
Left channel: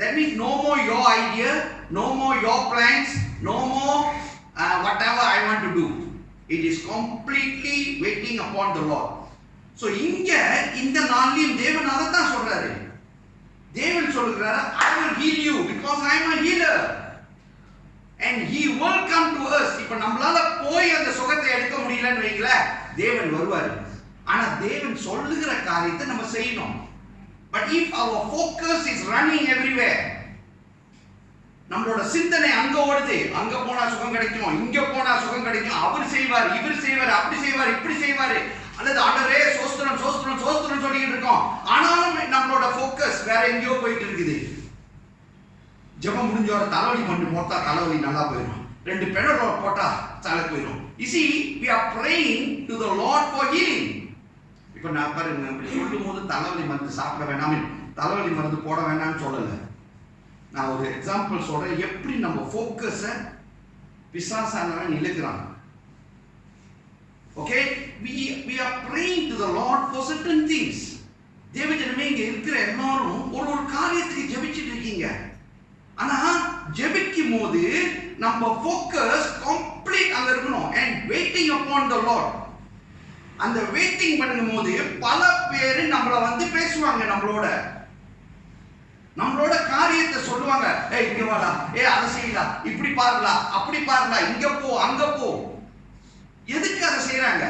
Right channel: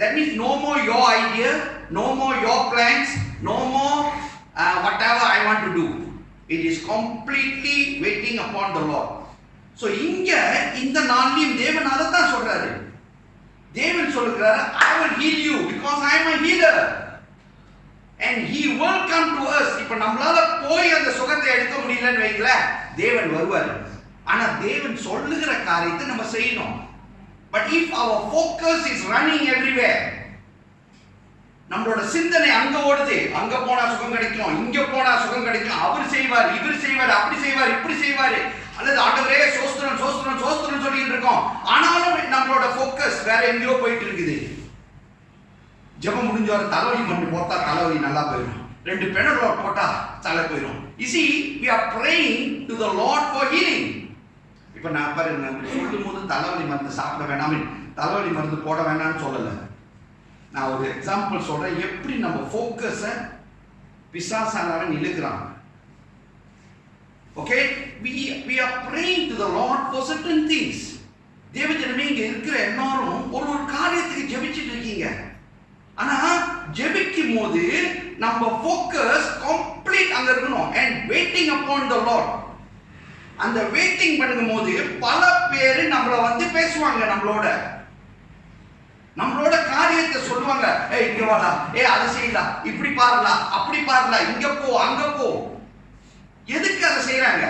That means no more your idea, no more your plans, no more whatever I want to do. It is completely waiting upon the Lord. So இங்க இந்த நாளிலும் தேவன் அதைத்தான் சொல்றாரு. தேவன் சொல்கிறாரு, I will heal you because I am a healer and he will come to us. இப்ப நம்மளால போய் அந்த சுகத்தை எடுக்க முடியலன்னு வைங்கள, தேவன் வருவாரு. ஆனா தேவன் சொல்லுகிற காரியத்தை நம்ம செய்யணும். But if our focus is running everywhere, நம்மளோட சிந்தனை அங்க ஓடுது, அங்க போனா சுகம் கிடைக்கும், இங்க போனா சுகம் கிடைக்கும், அவர் செய்வார், இவர் செய்வார், அப்படி செய்வார், இப்படி செய்வார், அல்லது ஆண்டவரே சோஸ்திரம் சோஸ்திரம் சோஸ்திரம் சொல்லிட்டு இருக்கோம். ஆனாலும் நம்மளோட ஃபோக்கஸ் வேற எங்கேயோ போயிட்டு இருக்குது. ஜெபம் முடிஞ்ச வர தலைவலி மண்ணு போட்டா தலைவலி நல்லா போயிடும், 2 பெனடோல் போட்டா தலை போயிடும். You see, we are praying to the Lord for healing. இப்ப நான் பாருங்க, இப்படி சொல்லும் போது தலைவலி மருந்து சாப்பிட வேணாம், தலைவலி மருந்து போட வேணாம்னு சொல்லலை. நான் ஒரு எக்ஸாம்பிள் சொல்றேன், எப்படி நம்ம ஃபோக்கஸை பிசாசானவன் இழுக்கிறான். Okay, we are praying to the Lord for certain things. தேவஜனமே இங்க இருக்கிற எல்லாரும் ஒரு காரியத்துக்கு ஜெபிச்சிட்டு இருக்கீங்க. ஆனா ஜெபிக்கும் போது நம்ம ஃபோக்கஸ் கம்ப்ளீட் அங்க இருக்கணும். and waiting upon the Lord. அந்த வெயிட்டிங் பண்ணும்போது பல பேர் நம்மள வந்து பேசுவாங்க, நம்மளோட காரியத்தை சொல்லுவாங்க. ஏய் இங்க வாடா, அதை செய்யலாம், இப்படி பாருடா, அப்படி பாருடா, இங்க போ, அங்க போ. எதுக்கு அதை செய்யறாங்க?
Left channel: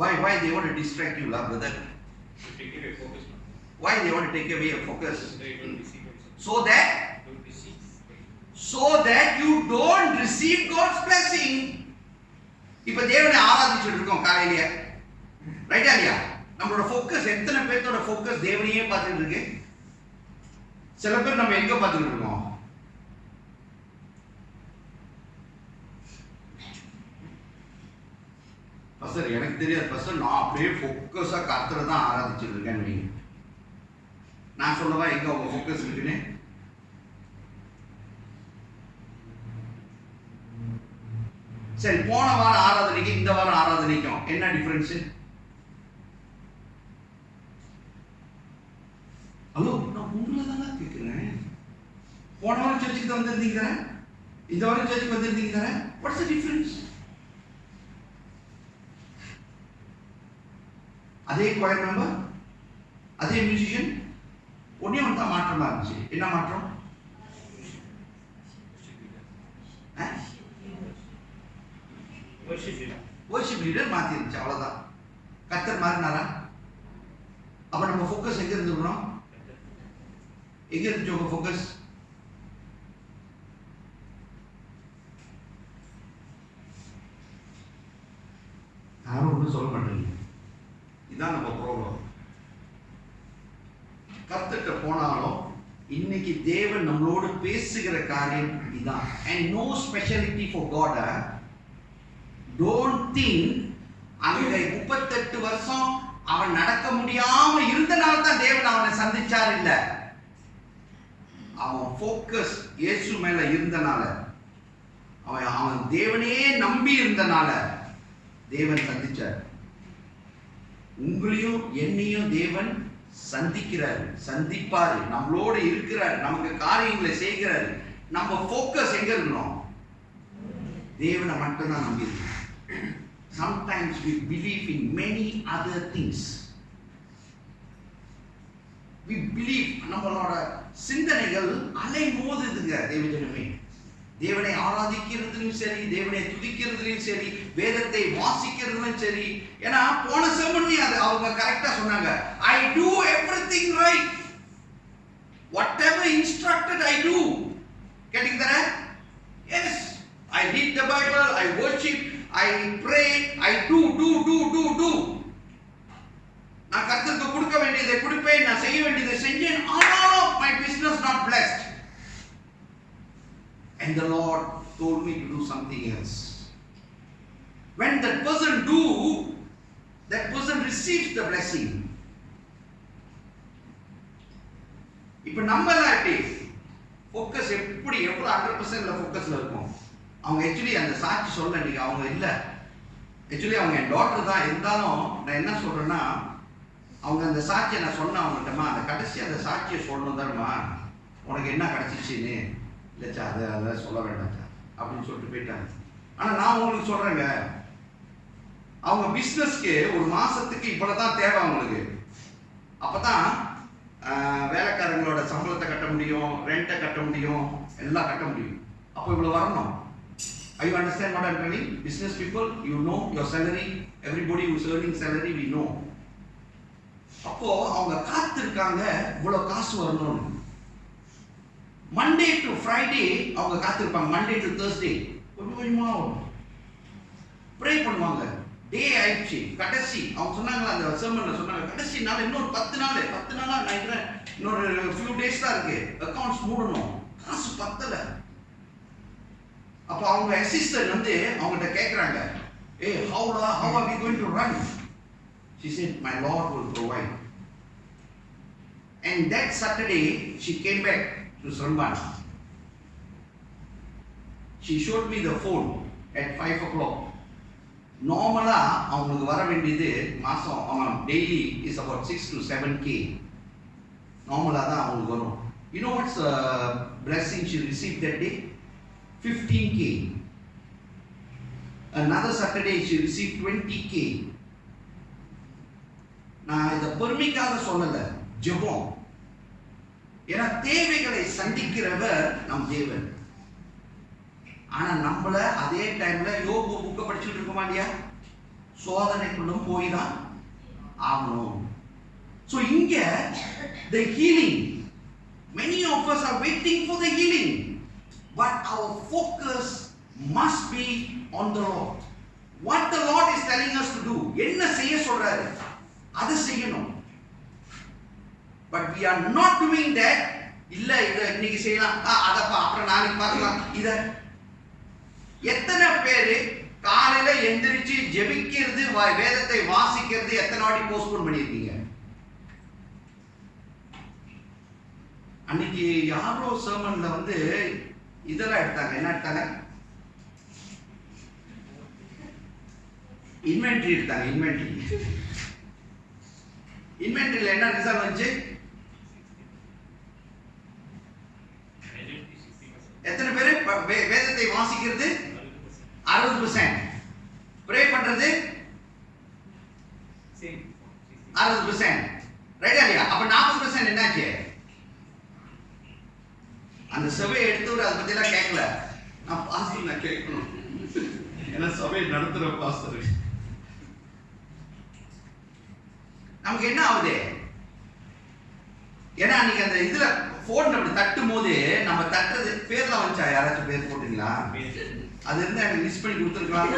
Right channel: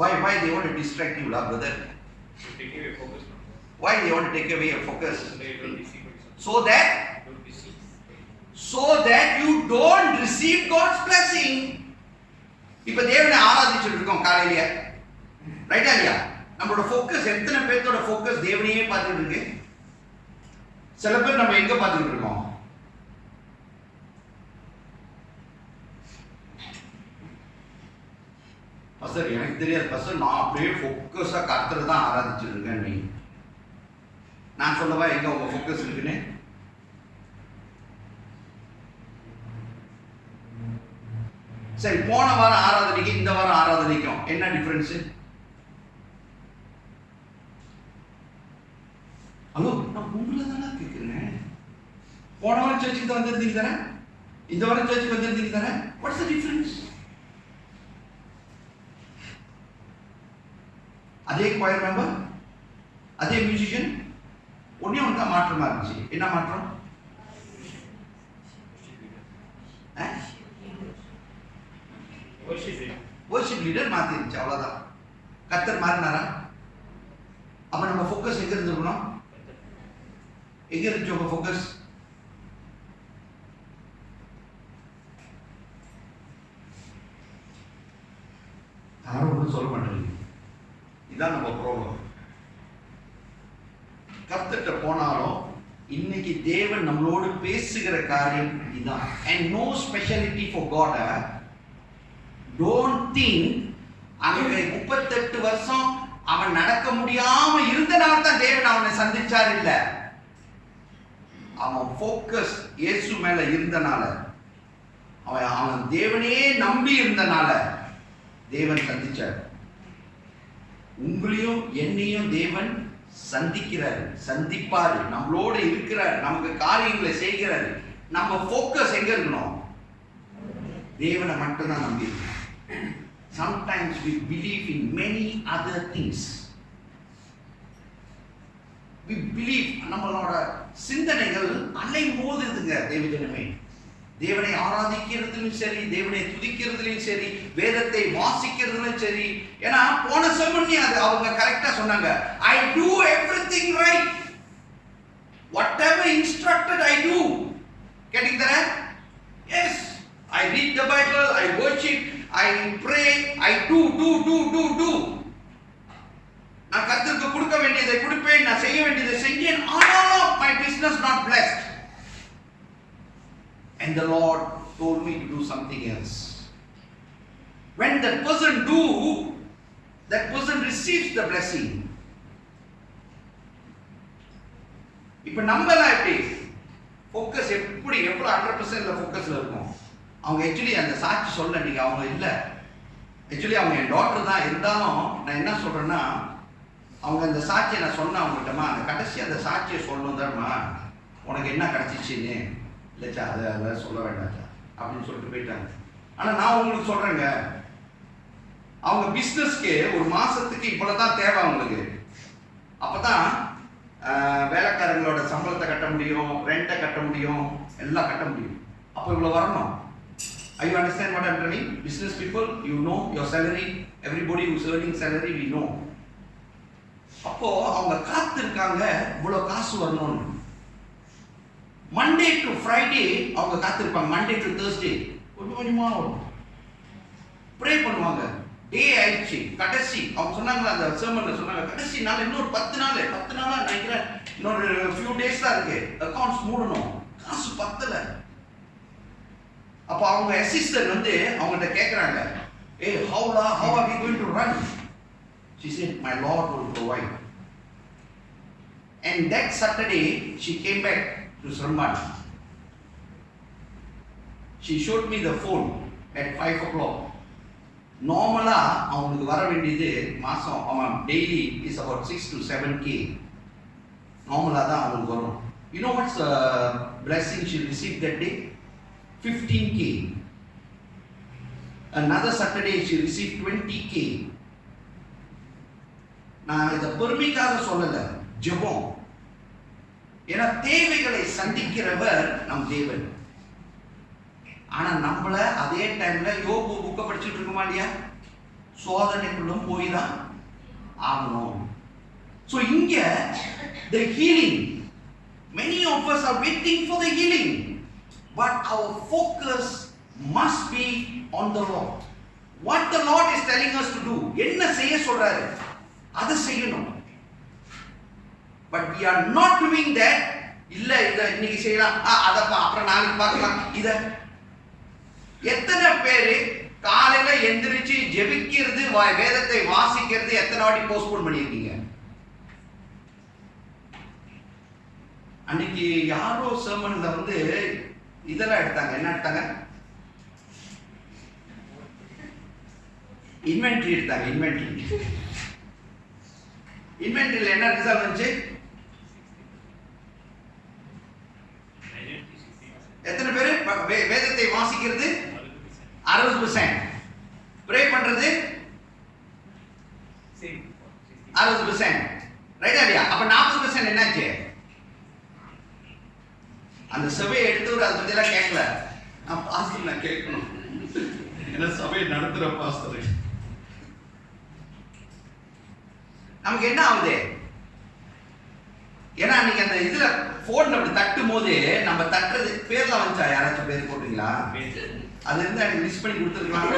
Why they want to distract you, brother? Take away focus. Why they want to take away your focus? So that you don't receive God's blessing. இப்ப தேவனை ஆராதிச்சுட்டு இருக்கோம் காலையிலேயே, ரைட்டா இல்லையா? நம்மளோட ஃபோக்கஸ், எத்தனை பேர்த்தோட ஃபோக்கஸ் தேவனையே பார்த்துட்டு இருக்கு? சில பேர் நம்ம எங்க பார்த்துட்டு இருக்கோம்? பஸ்டர் எனக்கு தெரியாது பஸ்டர், நான் அப்படியே ஃபோக்கஸா கர்த்தரை தான் ஆராதிச்சுட்டு இருக்கேன்னு வைங்க. நான் சொல்லவா எங்க உங்க ஃபோக்கஸ் இருக்குன்னு? சரி, போன வாரம் ஆராதனைக்கு இந்த வாரம் ஆராதனைக்கும் என்ன டிஃபரன்ஸ்? ஹலோ, நான் உங்களை தானே கேட்குறேன். போன வாரம் சர்ச்சுக்கு தான் வந்திருந்தீங்க தானே, இந்த வாரம் சர்ச்சுக்கு வந்திருந்தீங்க தானே. What's the difference? அதே choir member, அதே மியூசிஷியன், ஒன்னே ஒன்று தான் மாற்றமா இருந்துச்சு. என்ன மாற்றம்? worship leader மாத்தி இருந்துச்சு, அவ்வளவுதான். கர்த்தர் மாறினாரா? அப்ப நம்ம ஃபோக்கஸ் எங்க இருந்திருக்கணும்? எங்க இருந்துச்சு உங்க ஃபோக்கஸ்? யாரும் ஒன்றும் சொல்ல மாட்டேங்க. இதான் நம்ம ப்ராப்ளம். கர்த்தர்கிட்ட போனாலும் இன்னைக்கு தேவன் நம்மளோடு பேசுகிற காரியம் இதான். And no speciality for God. Don't think அங்க 38 வருஷம் அவன் நடக்க முடியாம இருந்தனால தான் தேவன் அவனை சந்திச்சார். இல்ல, அவன் ஃபோக்கஸ் இயேசு மேல இருந்தனால, அவன் தேவனையே நம்பி இருந்தனால தேவன் சந்திச்சார். உங்களையும் என்னையும் தேவன் சந்திக்கிறார், சந்திப்பாரு, நம்மளோட இருக்கிறார், நமக்கு காரியங்களை செய்கிறாரு. நம்ம ஃபோக்கஸ் எங்க இருக்கணும்? தேவனை மட்டும்தான் நம்பி இருக்கணும். Sometimes we believe in many other things. We believe, நம்மளோட சிந்தனைகள் அலை மோதுதுங்க தேவஜனமே. தேவனை ஆராதிக்கிறதுலையும் சரி, தேவனை துதிக்கிறதுலையும் சரி, வேதத்தை வாசிக்கிறதுலையும் சரி. ஏன்னா போன செமன்னி அது அவங்க கரெக்டா சொன்னாங்க. I do everything right. Whatever instructed I do. Getting that? Yes. I read the Bible, I worship, I pray, I do. நான் கர்த்தருக்கு கொடுக்க வேண்டியதை கொடுப்பேன், நான் செய்ய வேண்டியதை செஞ்சேன். ஆனாலும் my business not blessed. And the Lord told me to do something else. When that person do, that person receives the blessing. இப்ப நம்மலாம் எப்படி ஃபோக்கஸ் எப்படி எவ்வளவு 100% ஃபோக்கஸ்ல இருக்கும்? அவங்க ஆக்சுவலி அந்த சாட்சி சொல்ல நீங்க அவங்க இல்லை, ஆக்சுவலி அவங்க என் டாக்டர் தான். இருந்தாலும் நான் என்ன சொல்றேன்னா, அவங்க அந்த சாட்சியை நான் சொன்னேன் அவங்ககிட்டமா, அந்த கடைசி அந்த சாட்சியை சொல்லணும் தரமா, உனக்கு என்ன கிடைச்சிச்சின்னு. இல்லைச்சா, அதெல்லாம் சொல்ல வேண்டாச்சா அப்படின்னு சொல்லிட்டு போயிட்டாங்க. ஆனால் நான் உங்களுக்கு சொல்கிறேங்க, அவங்க பிஸ்னஸ்க்கு ஒரு மாதத்துக்கு இவ்வளோ தான் தேவை அவங்களுக்கு. அப்போ தான் வேலைக்காரங்களோட சம்பளத்தை கட்ட முடியும், ரெண்ட்டை கட்ட முடியும், எல்லாம் கட்ட முடியும். அப்போ இவ்வளோ வரணும். Are you understand what I'm telling? Business people, you know your salary. Everybody who's earning salary, we know. அப்போ அவங்க காத்திருக்காங்க இவ்வளோ காசு வரணும்னு. மண்டே டு ஃப்ரைடே அவங்க காத்திருப்பாங்க, மண்டே டு தேர்ஸ்டே கொஞ்சம் கொஞ்சமா ப்ரே பண்ணுவாங்க. டே ஆயிடுச்சு, கடைசி அவங்க சொன்னாங்களா அந்த சர்மன்ல சொன்னாங்க, கடைசி நாள் இன்னொரு 10 நாளா நினைக்கிறேன், இன்னொரு ஃபியூ டேஸ் தான் இருக்கு, அக்கௌண்ட்ஸ் மூடணும், காசு பத்தல. அப்ப அவங்க அசிஸ்டன்ட் வந்து அவங்ககிட்ட கேட்குறாங்க, how are we going to run? She said, my Lord will provide. And that Saturday she came back to Sramban. She showed me the phone at 5 o'clock. Normally அவங்களுக்கு வர வேண்டியது மாசம் அவன் daily is about 6 to 7K. நார்மலாக தான் அவங்களுக்கு வரும். You know what's the blessing she received that day? 15K. Another Saturday she received 20K. நான் இதை பெருமைக்காக சொல்லலை, ஜெபம். ஏன்னா தேவைகளை சந்திக்கிறவர் நம் தேவன். ஆனா நம்மள அதே டைம்ல யோபு புக்கை படிச்சுட்டு இருக்கோமா இல்லையா? சோதனைக்குள்ளும் போய் தான் ஆகணும். So இங்க the healing, many of us are waiting for the healing, but our focus must be on the Lord. What the Lord is telling us to do, என்ன செய்ய சொல்றாரு அதை செய்யணும். But we are not doing that. இல்ல இதை இன்னைக்கு செய்யலாம், அதப்பா அப்புறம் நாளைக்கு பார்க்கலாம். இத எத்தனை பேரு காலையில எந்திரிச்சு ஜெபிக்கிறது, வேதத்தை வாசிக்கிறது எத்தனை வாட்டி போஸ்ட்போன் பண்ணியிருக்கீங்க? அன்னைக்கு யாரோ சர்மன்ல வந்து இதெல்லாம் எடுத்தாங்க, என்ன எடுத்தாங்க? இன்வென்ட்ரி எடுத்தாங்க. இன்வென்ட்ரியில் என்ன ரிசல்ட் வந்துச்சு? எத்தனை பேர் வேதத்தை வாசிக்கிறது? 60%. ப்ரே பண்றது 60%. ரைட்டா இல்லையா? அப்ப 40% என்னாச்சு? அந்த சபையை எடுத்தவர் அதை பத்தி எல்லாம் கேட்கல. நான் பாஸ்டர் நான் கேட்கணும், என்ன சபையை நடத்துற பாஸ்டர். நமக்கு என்ன ஆகுது? ஏன்னா அன்னைக்கு அந்த இதுல போன் அப்படி தட்டும் போது நம்ம தட்டுறது பேர்லாம் வந்துச்சா? யாராச்சும் பேர் போட்டீங்களா? அது இருந்தா எனக்கு லிஸ்ட் பண்ணி கொடுத்துருக்கலாம்.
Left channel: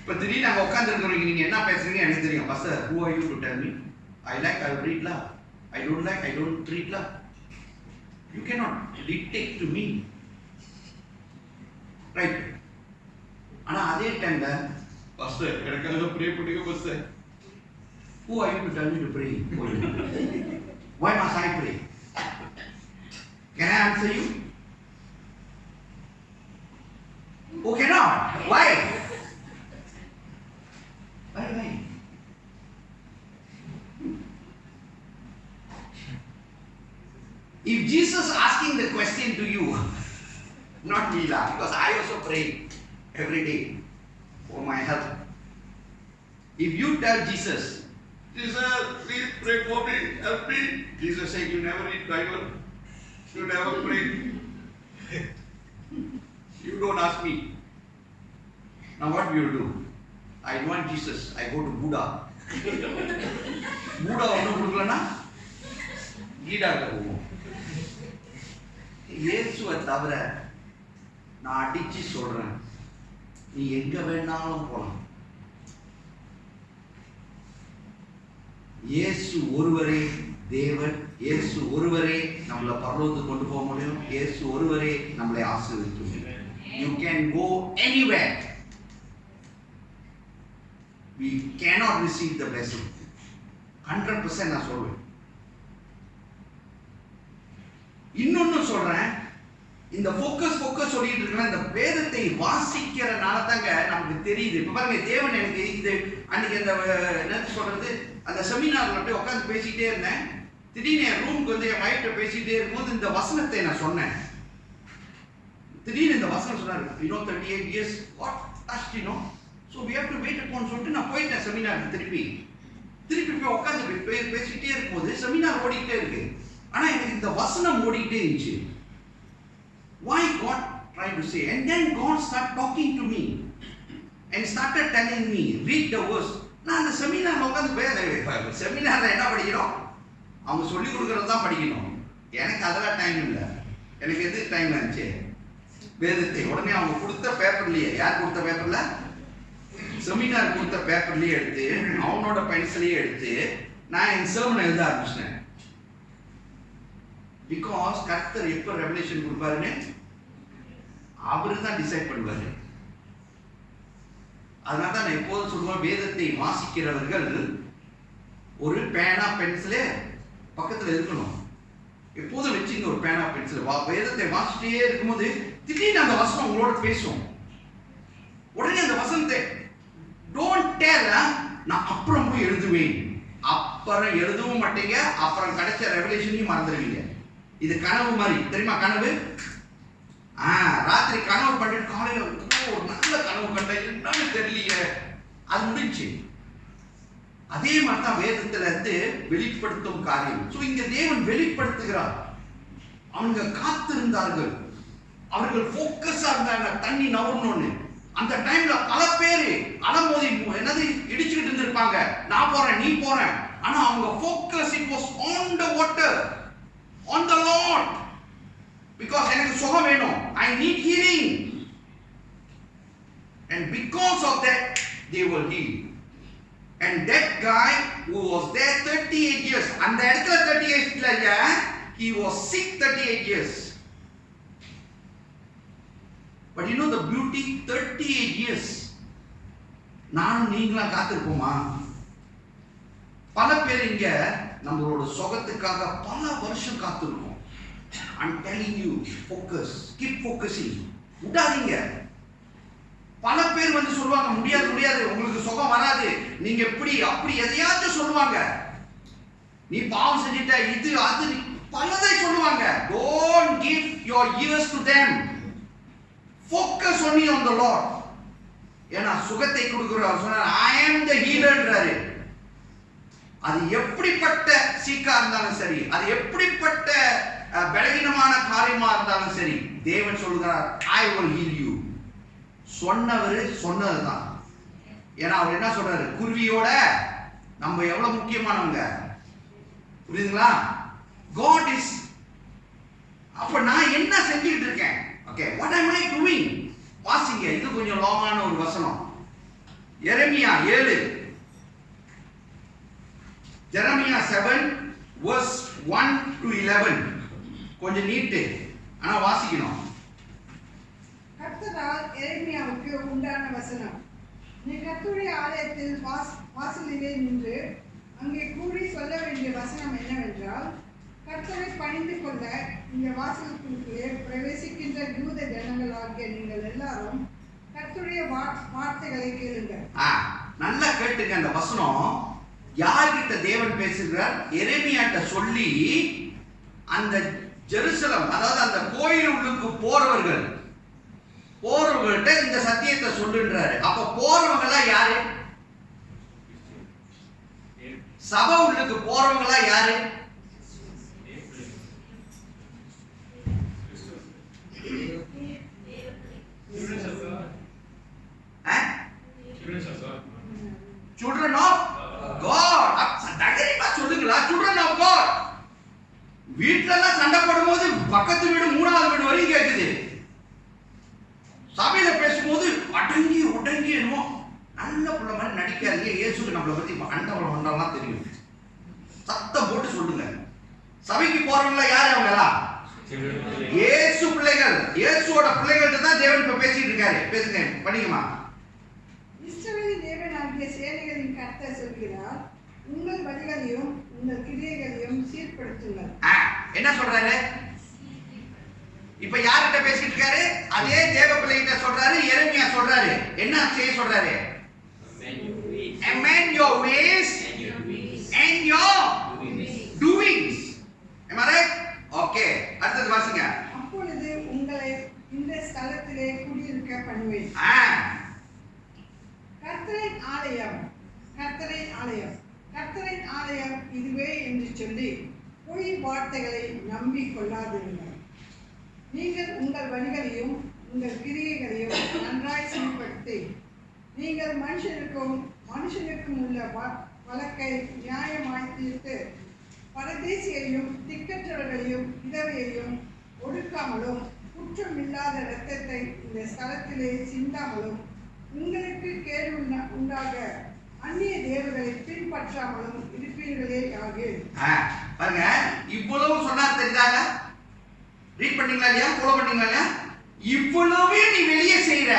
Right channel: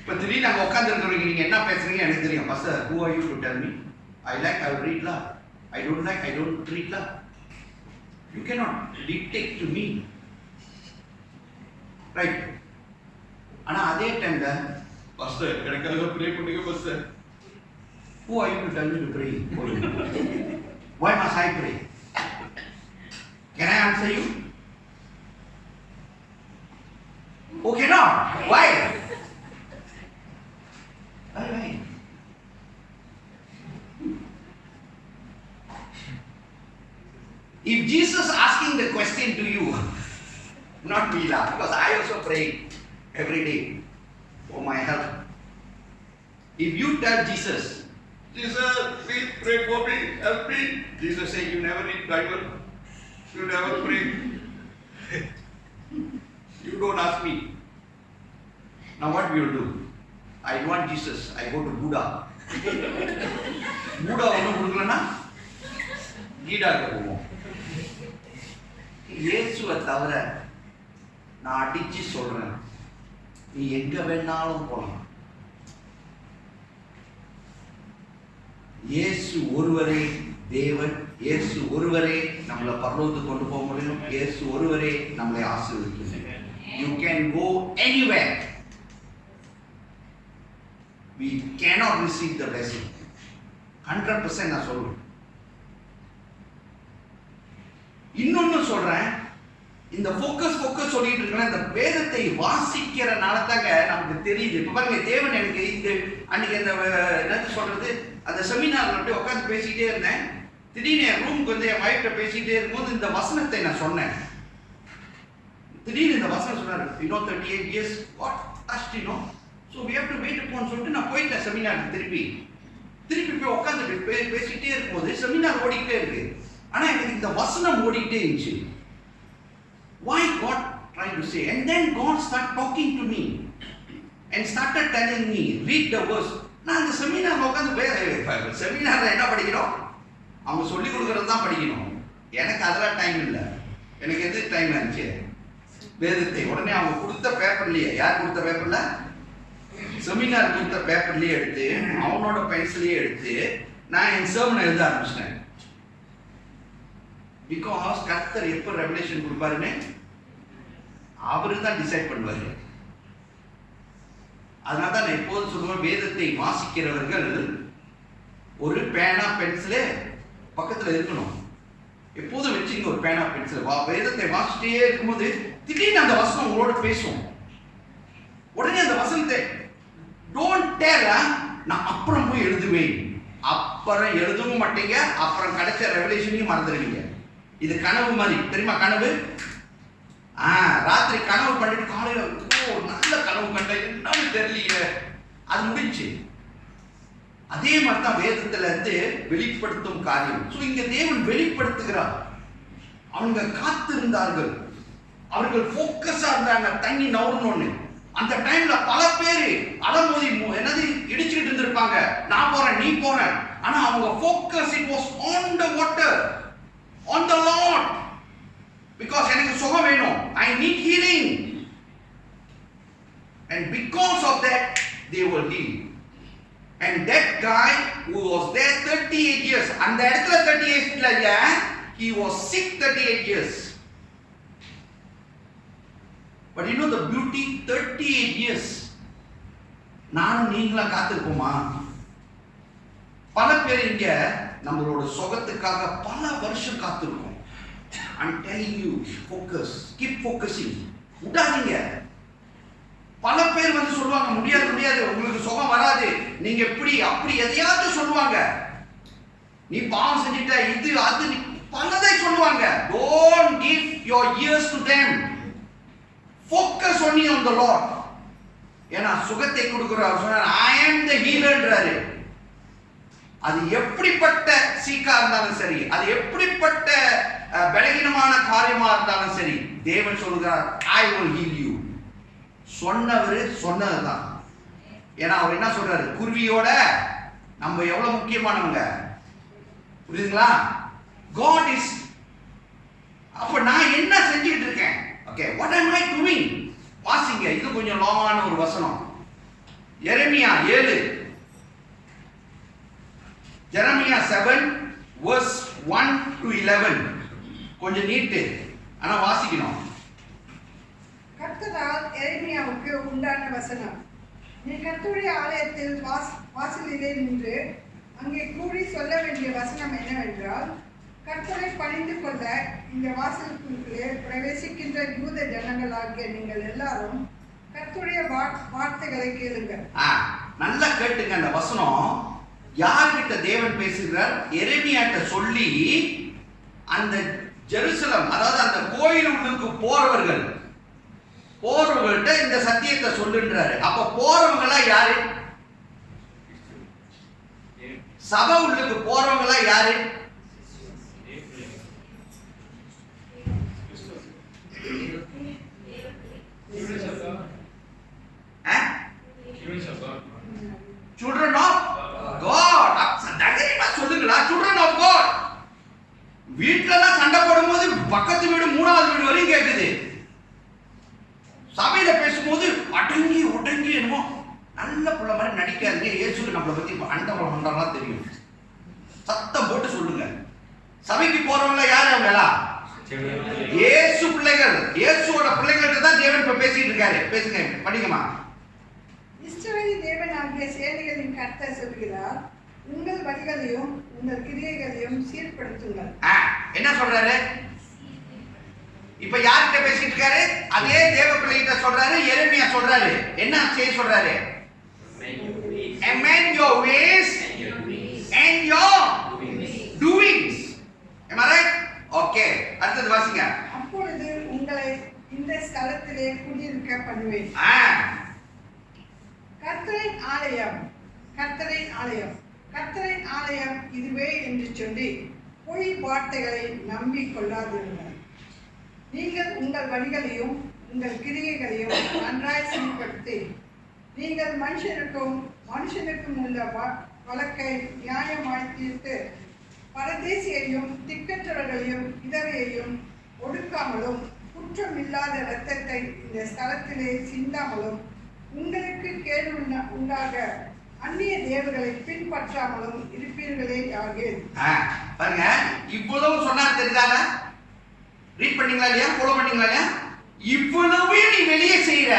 இப்ப திடீர்னு அங்க உட்கார்ந்து இருக்கிறவங்க நீங்க என்ன பேசுறீங்க எனக்கு தெரியும். Pastor, who are you to tell me? I like, I will read la. I don't like, I don't read la. You cannot dictate to me. Right? ஆனா அதே டைம்ல பாஸ்டர் எனக்காக ப்ரே பண்ணுங்க pastor. Who are you to tell me to pray for you? Why must I pray? Can I answer you? Who cannot? Why? Why? If Jesus asking the question to you, not me lah, because I also pray every day for my help. If you tell Jesus, Jesus, please pray for me, help me. Jesus said, you never read Bible, you never pray, you don't ask me. Now what we will do? I want Jesus, I go to Buddha. Buddha ஒன்றும் கொடுக்கலன்னா கீடாக்க போவோம். இயேசுவை தவிர நான் அடிச்சு சொல்றேன், நீ எங்க வேணாலும் போலாம். இயேசு ஒருவரே தேவன், இயேசு ஒருவரே நம்மளை பரலோகத்துக்கு கொண்டு போக முடியும், இயேசு ஒருவரே நம்மளை ஆசீர்வதிக்க முடியும். You can go anywhere. We cannot receive the blessing. 100% நான் சொல்றேன். இன்னொன்னு சொல்றேன், இந்த ஃபோக்கஸ் சொல்லிட்டு இருக்கிற இந்த வேதத்தை வாசிக்கிறனால தாங்க நமக்கு தெரியுது. இப்ப பாருங்க, தேவன் எனக்கு இந்த அன்னைக்கு அந்த என்னது சொல்றது, அந்த செமினார்ல போய் உட்காந்து பேசிக்கிட்டே இருந்தேன். திடீர்னு என் ரூமுக்கு வந்து என் வைஃப்ட்ட பேசிக்கிட்டே இருக்கும்போது இந்த வசனத்தை நான் சொன்னேன். திடீர்னு இந்த வசனம் சொன்னாரு, 38 years what touched, so we have to wait upon சொல்லிட்டு நான் போயிட்டேன் செமினாருக்கு. திருப்பி போய் உட்காந்து பேசிக்கிட்டே இருக்கும்போது செமினார் ஓடிக்கிட்டே இருக்கு. ஆனா எனக்கு இந்த வசனம் ஓடிக்கிட்டே இருந்துச்சு. Why God trying to say? And then God started talking to me and started telling me, read the verse. நான் அந்த செமினார்ல உட்காந்து செமினார்ல என்ன படிக்கிறோம்? அவங்க சொல்லி கொடுக்கறது தான் படிக்கணும். எனக்கு அதெல்லாம் டைம் இல்லை. எனக்கு எது டைம் இருந்துச்சு? வேதத்தை உடனே அவங்க கொடுத்த பேப்பர்லயே, யார் கொடுத்த பேப்பர்ல? செமினார் கொடுத்த பேப்பர்லயே எடுத்து அவனோட பென்சிலையே எடுத்து நான் என் சர்மனை எழுத ஆரம்பிச்சிட்டேன். பிகாஸ் கர்த்தர் எப்ப ரெவலேஷன் கொடுப்பாருன்னு அவரு தான் டிசைட் பண்ணுவாரு. அதனால தான் நான் எப்போதும் சொல்லுவேன், வேதத்தை வாசிக்கிறவர்கள் ஒரு பேனா பென்சிலே பக்கத்துல இருக்கணும். எப்போதும் வச்சுங்க ஒரு பேனா பென்சில். வேதத்தை வாசிட்டே இருக்கும்போது திடீர்னு அந்த வசனம் உங்களோட பேசும். உடனே அந்த வசனத்தை டோன்ட் டெல், நான் அப்புறம் போய் எழுதுவேன். அப்புறம் எழுதவும் மாட்டீங்க, அப்புறம் கிடைச்ச ரெவலேஷனையும் மறந்துடுவீங்க. இது கனவு மாதிரி தெரியுமா? கனவு ராத்திரி கனவு பண்ணிட்டு காலையில ஒரு நல்ல கனவு கண்ட, என்னன்னு தெரியலையே, அது முடிஞ்சு. அதே மாதிரி தான் வேதத்துல இருந்து வெளிப்படுத்தும் காரியம். ஸோ இங்க தேவன் வெளிப்படுத்துகிறார். அவங்க காத்திருந்தார்கள், அவர்கள் ஃபோக்கஸா இருந்தாங்க. தண்ணி நவுறணும்னு அந்த டைம்ல பல பேரு அலமோதி என்னது இடிச்சுக்கிட்டு இருந்திருப்பாங்க. நான் போறேன், நீ போறேன். ஆனா அவங்க focus it was on the water, on the Lord, because எனக்கு சுகம் வேணும், I need healing, and because of that they were healed. And that guy who was there 38 years, அந்த இடத்துல 38 இல்லையா, he was sick 38 years. But you know the beauty, 38 years நானும் நீங்களாம் காத்திருப்போமா? பல பேர் இங்க நம்மளோட சுகத்துக்காக பல வருஷம் காத்திருக்கோம். I'm telling you, focus, keep focusing. விடாதீங்க. பல பேர் வந்து சொல்லுவாங்க, முடியாது முடியாது, உங்களுக்கு சுகம் வராது, நீங்க இப்படி அப்படி எதையாச்சும் சொல்லுவாங்க. நீ பாவம் செஞ்சிட்ட, இது அது பலதை சொல்லுவாங்க. Don't give your ears to them. Focus only on the Lord. ஏன்னா சுகத்தை கொடுக்கிறவர் சொன்னார், I am the healerன்றாரு. அது எப்படிப்பட்ட சீக்கா இருந்தாலும் சரி, அது எப்படிப்பட்ட பலகீனமான காரியமா இருந்தாலும் சரி, தேவன் சொல்கிறார், I will heal you. சொன்னவர் சொன்னதுதான். ஏன்னா அவர் என்ன சொல்றாரு, குருவியோட நம்ம எவ்வளவு முக்கியமானவங்க, புரியுதுங்களா? God is. அப்ப நான் என்ன செஞ்சுக்கிட்டு இருக்கேன்? Okay, what am I doing? வாசிங்க, இது கொஞ்சம் லாங்கான ஒரு வசனம். எரேமியா 7, Jeremiah 7 verse 1 to 11. கொஞ்சம் நீட்டு, ஆனா வாசிக்கணும். கர்த்தரால் எரேமியாவுக்கு உண்டான வசனம். நீ கர்த்தருடைய ஆலயத்தில் வாசலிலே நின்று அங்கே கூடி சொல்ல வேண்டிய வசனம் என்னவென்றால், கர்த்தரை பணிந்து கொள்ள இந்த வாசலுக்குள்ளே பிரவேசிக்கின்ற யூத ஜனங்களாகிய நீங்கள் எல்லாரும் கர்த்தருடைய வார்த்தைகளை கேளுங்கள். நல்லா கேட்டுங்க. அந்த வசனம் யார்கிட்ட தேவன் பேசுகிறார்? எரேமியாட்ட சொல்லி, அந்த ஜெருசலம், அதாவது அந்த கோயிலுக்கு போறவர்கள்ட்ட இந்த சத்தியத்தை சொல்லுன்றாரு. அப்ப போறவங்களா யாரு? சபை உள்ளுக்கு போறவங்களா யாரு? Children of God. தைரியமா சொல்லுங்களா? Children of God. வீட்டுல எல்லாம் சண்டை போடும்போது பக்கத்து வீடு 3வது வீடு வரையும் கேக்குது. சபையில பேசும்போது அடங்கி உடங்கி என்னமோ நல்ல புள்ள மாதிரி நடிக்காதீங்க. இயேசுக்கு நம்மளை பத்தி அண்டவளம் மண்டலாம் தெரியும். சத்தம் போட்டு சொல்லுங்க. சபைக்கு போறவங்கள யாரு? அவங்க எல்லாம் இயேசு பிள்ளைகள். இயேசுவோட பிள்ளைகள்கிட்ட தான் தேவன் இப்ப பேசிட்டு இருக்காரு. பேசுங்க, படிங்கம்மா. இஸ்ரவேல் தேவனாகிய சேனைகளின் கர்த்தர் சொல்கிறார், உங்கள் வழிகளையும் உங்கள் கிரியைகளையும் சீர்படுத்துங்கள். என்ன சொல்றாரு? இப்ப யார்கிட்ட பேசிட்டு இருக்காரு? அதே தேவ பிள்ளைகிட்ட சொல்றாரு. எரேமியா சொல்றாரு. என்ன செய்ய சொல்றாரு? Amend your ways and your doings. Am I right? Okay. அடுத்தது வாசிங்க. அப்பொழுது உங்களை இந்த ஸ்தலத்திலே குடியிருக்க பண்ணுவேன். கர்த்தரின் ஆலயம், கர்த்தரின் ஆலயம், கர்த்தரின் ஆலயம் இதுவே என்று சொல்லி பொய் வார்த்தைகளை நம்பி கொள்ளாதிருங்கள். நீங்கள் உங்கள் வழிகளையும் உங்கள் கிரியைகளையும் நன்றாய் சீர்படுத்தி, நீங்கள் மனுஷனுக்கும் உள்ள வழக்கை நியாயமாய் தீர்த்து, பரதேசியையும் திக்கற்றவர்களையும் விதவையையும் ஒடுக்காமலும் குற்றம் இல்லாத இரத்தத்தை இந்த ஸ்தலத்திலே சிந்தாமலும், உங்களுக்கு கேடு உண்டாக அந்நிய தேவர்களை பின்பற்றாமலும் இருப்பீர்களே ஆகிய. பாருங்க, இவ்வளவு சொன்னார் தெரியுதாங்க? ரீட் பண்ணீங்களா இல்லையா? ஃபாலோ பண்ணீங்களா இல்லையா? இவ்வளவே நீ வெளியே செய்யற,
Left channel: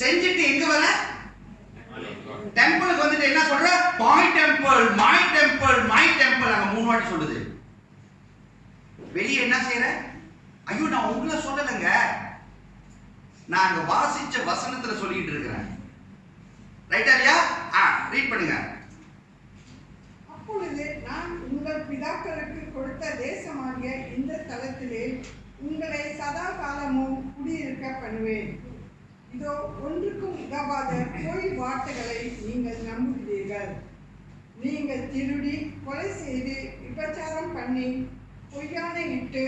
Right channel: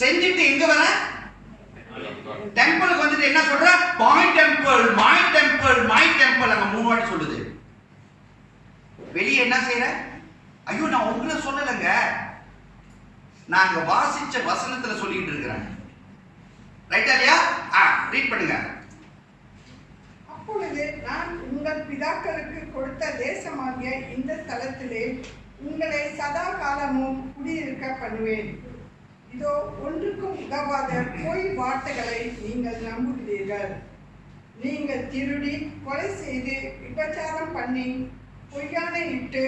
செஞ்சுட்டு எங்க வர? டெம்பிளுக்கு வந்துட்டு என்ன சொல்ற? My temple, my temple, my temple. நம்ம 3 வாட்டி சொல்லுது. வெளியே என்ன செய்யற? ஐயோ, நான் உங்களை சொல்லலைங்க, நான் அங்க வாசிச்ச வசனத்துல சொல்லிட்டு இருக்கிறேன். ரைட்டா இல்லையா? ரீட் பண்ணுங்க. அப்பொழுது நான் உங்கள் பிதாக்களுக்கு கொடுத்த தேசமாகிய இந்த ஸ்தலத்திலே உங்களை சதா காலமும் குடியிருக்க பண்ணுவேன். இதோ ஒன்றுக்கும் உதவாத பொய் வார்த்தைகளை நீங்கள் நம்புகிறீர்கள். நீங்கள் திருடி, கொலை செய்து, விபச்சாரம் பண்ணி, பொய்யானை இட்டு,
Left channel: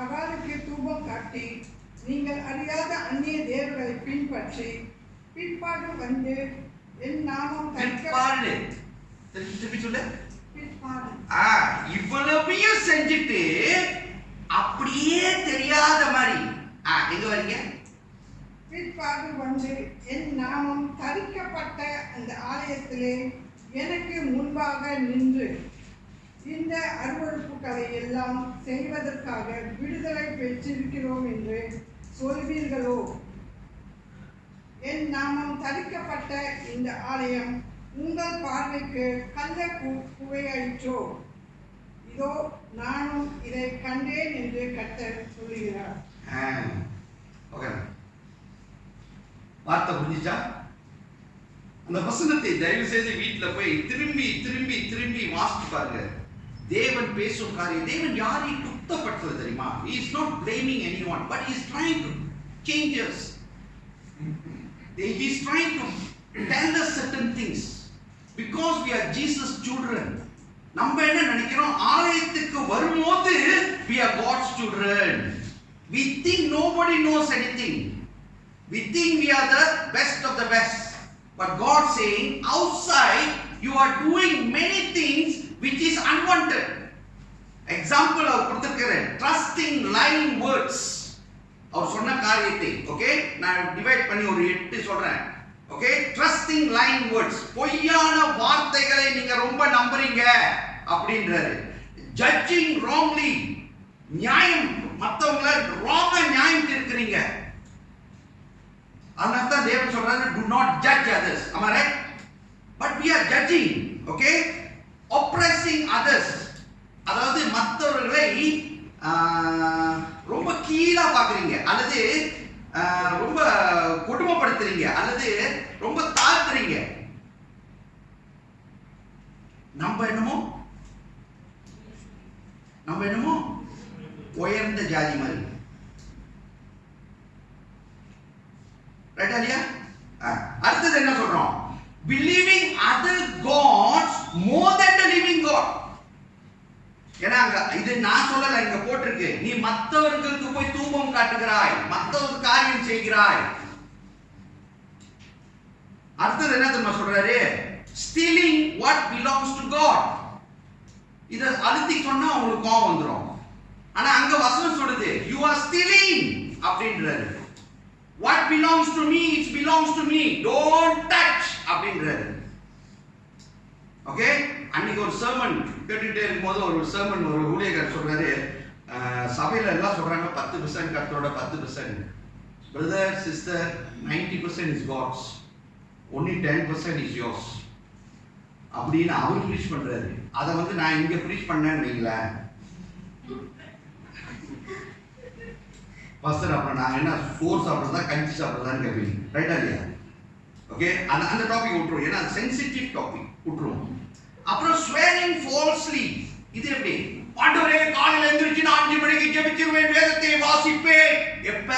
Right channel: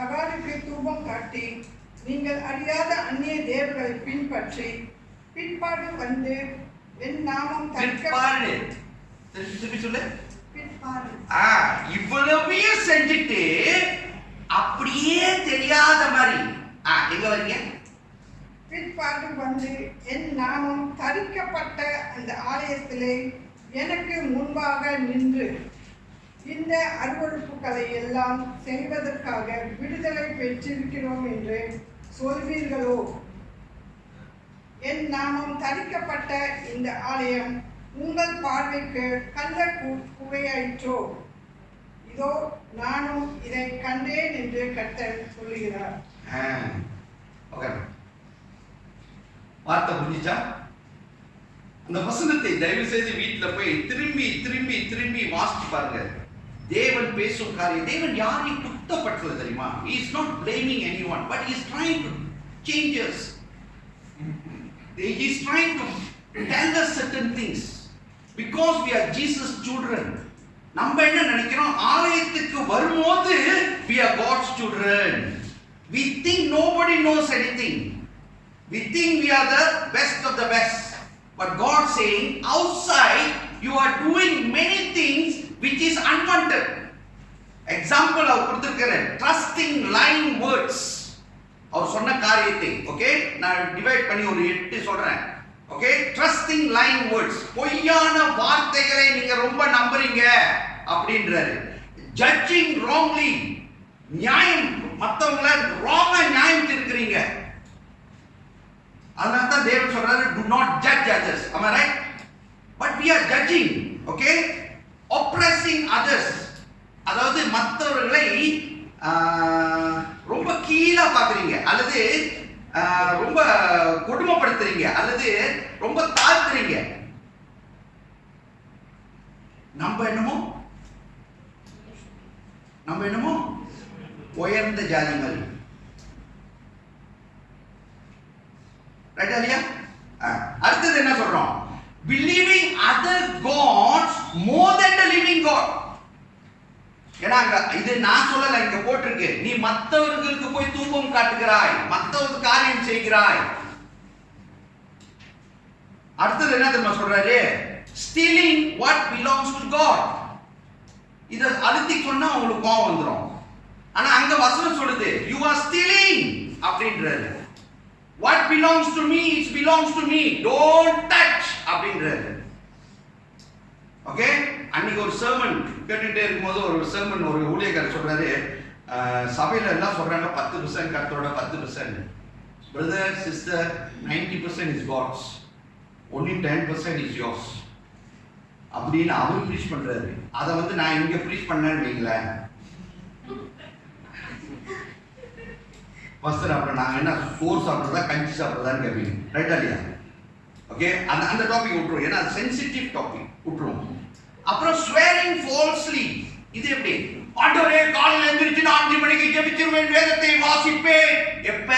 அகாலுக்கு தூபம் காட்டி, நீங்கள் அறியாத அந்நிய தேவர்களை பின்பற்றி, பிற்பாடு வந்து என் நாமம் திருப்பி சொல்லு. பிற்பாடு இவ்வளவையும் செஞ்சுட்டு அப்படியே தெரியாத மாதிரி எங்க வரீங்க? பிற்பாடு வந்து என் நாமம் தரிக்கப்பட்ட அந்த ஆலயத்திலே எனக்கு முன்பாக நின்று இந்த அருவருப்புகளை எல்லாம் செய்வதற்காக விடுதலை பெற்றிருக்கிறோம் என்று சொல்வீர்களோ? என் நாமம் தரிக்கப்பட்ட இந்த ஆலயம் உங்கள் பார்வைக்கு கள்ள குகையாயிற்றோ? இதோ நானும் இதை கண்டேன் என்று கர்த்தர் சொல்லுகிறார். வார்த்தை புரிஞ்சிச்சா? அந்த வசனத்தை தயவு செய்து வீட்டில் போய் திரும்பி திரும்பி திரும்பி வாசிச்சு பாருங்க. தேவன் பேசும் காரியம், தேவன் யாரையும் குத்தப்படுத்தல தெரியுமா? He is not blaming anyone, but he is trying to change us. He is trying to tell us certain things because we are Jesus children. நம்ம என்ன நினைக்கிறோம்? ஆலயத்துக்கு வரும்போது we are God's children. We think nobody knows anything. We think we are the best of the best. But God saying outside you are doing many things which is unwanted. Example அவர் கொடுத்திருக்கிறேன், trusting lying words. அவர் சொன்ன காரியத்தை okay நான் divide பண்ணி ஒரு 8 சொல்றேன். Okay, trusting lying words, பொய்யான வார்த்தைகளை நீங்க ரொம்ப நம்புறீங்க அப்படின்றாரு. judging wrongly, நியாயம் மத்தவங்கள ராங்கா நியாயம் தீர்க்கறீங்க. அதனால தான் தேவன் சொல்றாரு do not judge others. Am I right? But we are judging. Okay, oppressing others, அதாவது மற்றவர்களை ரொம்ப கீழா பார்க்குறீங்க, அல்லது ரொம்ப கொடுமைப்படுத்துறீங்க, அல்லது ரொம்ப தாழ்த்துறீங்க. நம்ம என்னமோ உயர்ந்த ஜாதி மாதிரி. ரைட்டா இல்லையா? அடுத்தது என்ன சொல்றோம்? believing other gods more than the living God. ஏன்னா இது நான் சொல்லல, இங்க போட்டிருக்கு, நீ மற்றவர்களுக்கு போய் தூபம் காட்டுகிறாய், மற்றவருக்கு காரியம் செய்கிறாய். அடுத்தது என்ன தெரியுமா சொல்றாரு? stealing what belongs to God. இத அழுத்தி சொன்னா உங்களுக்கு கோவம் வந்துரும். ஆனா அங்க வசனம் சொல்லுது you are stealing அப்படின்றாரு. what belongs to me, it belongs to me, don't touch அப்படின்றாரு. ஓகே, அன்னைக்கு ஒரு சர்மன் கேட்டுட்டே இருக்கும்போது ஒரு சர்மன் ஒரு ஊழியக்காரர் சொல்றாரு, சபையில எல்லாம் சொல்றாங்க 10% கர்த்தரோட 10%. Brother sister 90% is God's, only 10% is yours அப்படின்னு அவர் ப்ரீச் பண்றாரு. அதை வந்து நான் இங்க ப்ரீச் பண்ணேன்னு வைங்களேன், பாஸ்டர் அப்புறம் நாங்க என்ன சோறு சாப்பிட்றதா கஞ்சி சாப்பிட்றதான்னு கேட்பீங்க. ரைட்டா இல்லையா? ஓகே, அந்த டாபிக் விட்டுருவோம், ஏன்னா அது சென்சிட்டிவ் டாபிக், விட்டுருவோம். அப்புறம் swearing falsely. இது எப்படி? ஆண்டவரே காலையில எந்திரிச்சு 5 மணிக்கு ஜெபிச்சிருவேன், வேதத்தை வாசிப்பேன். எப்ப?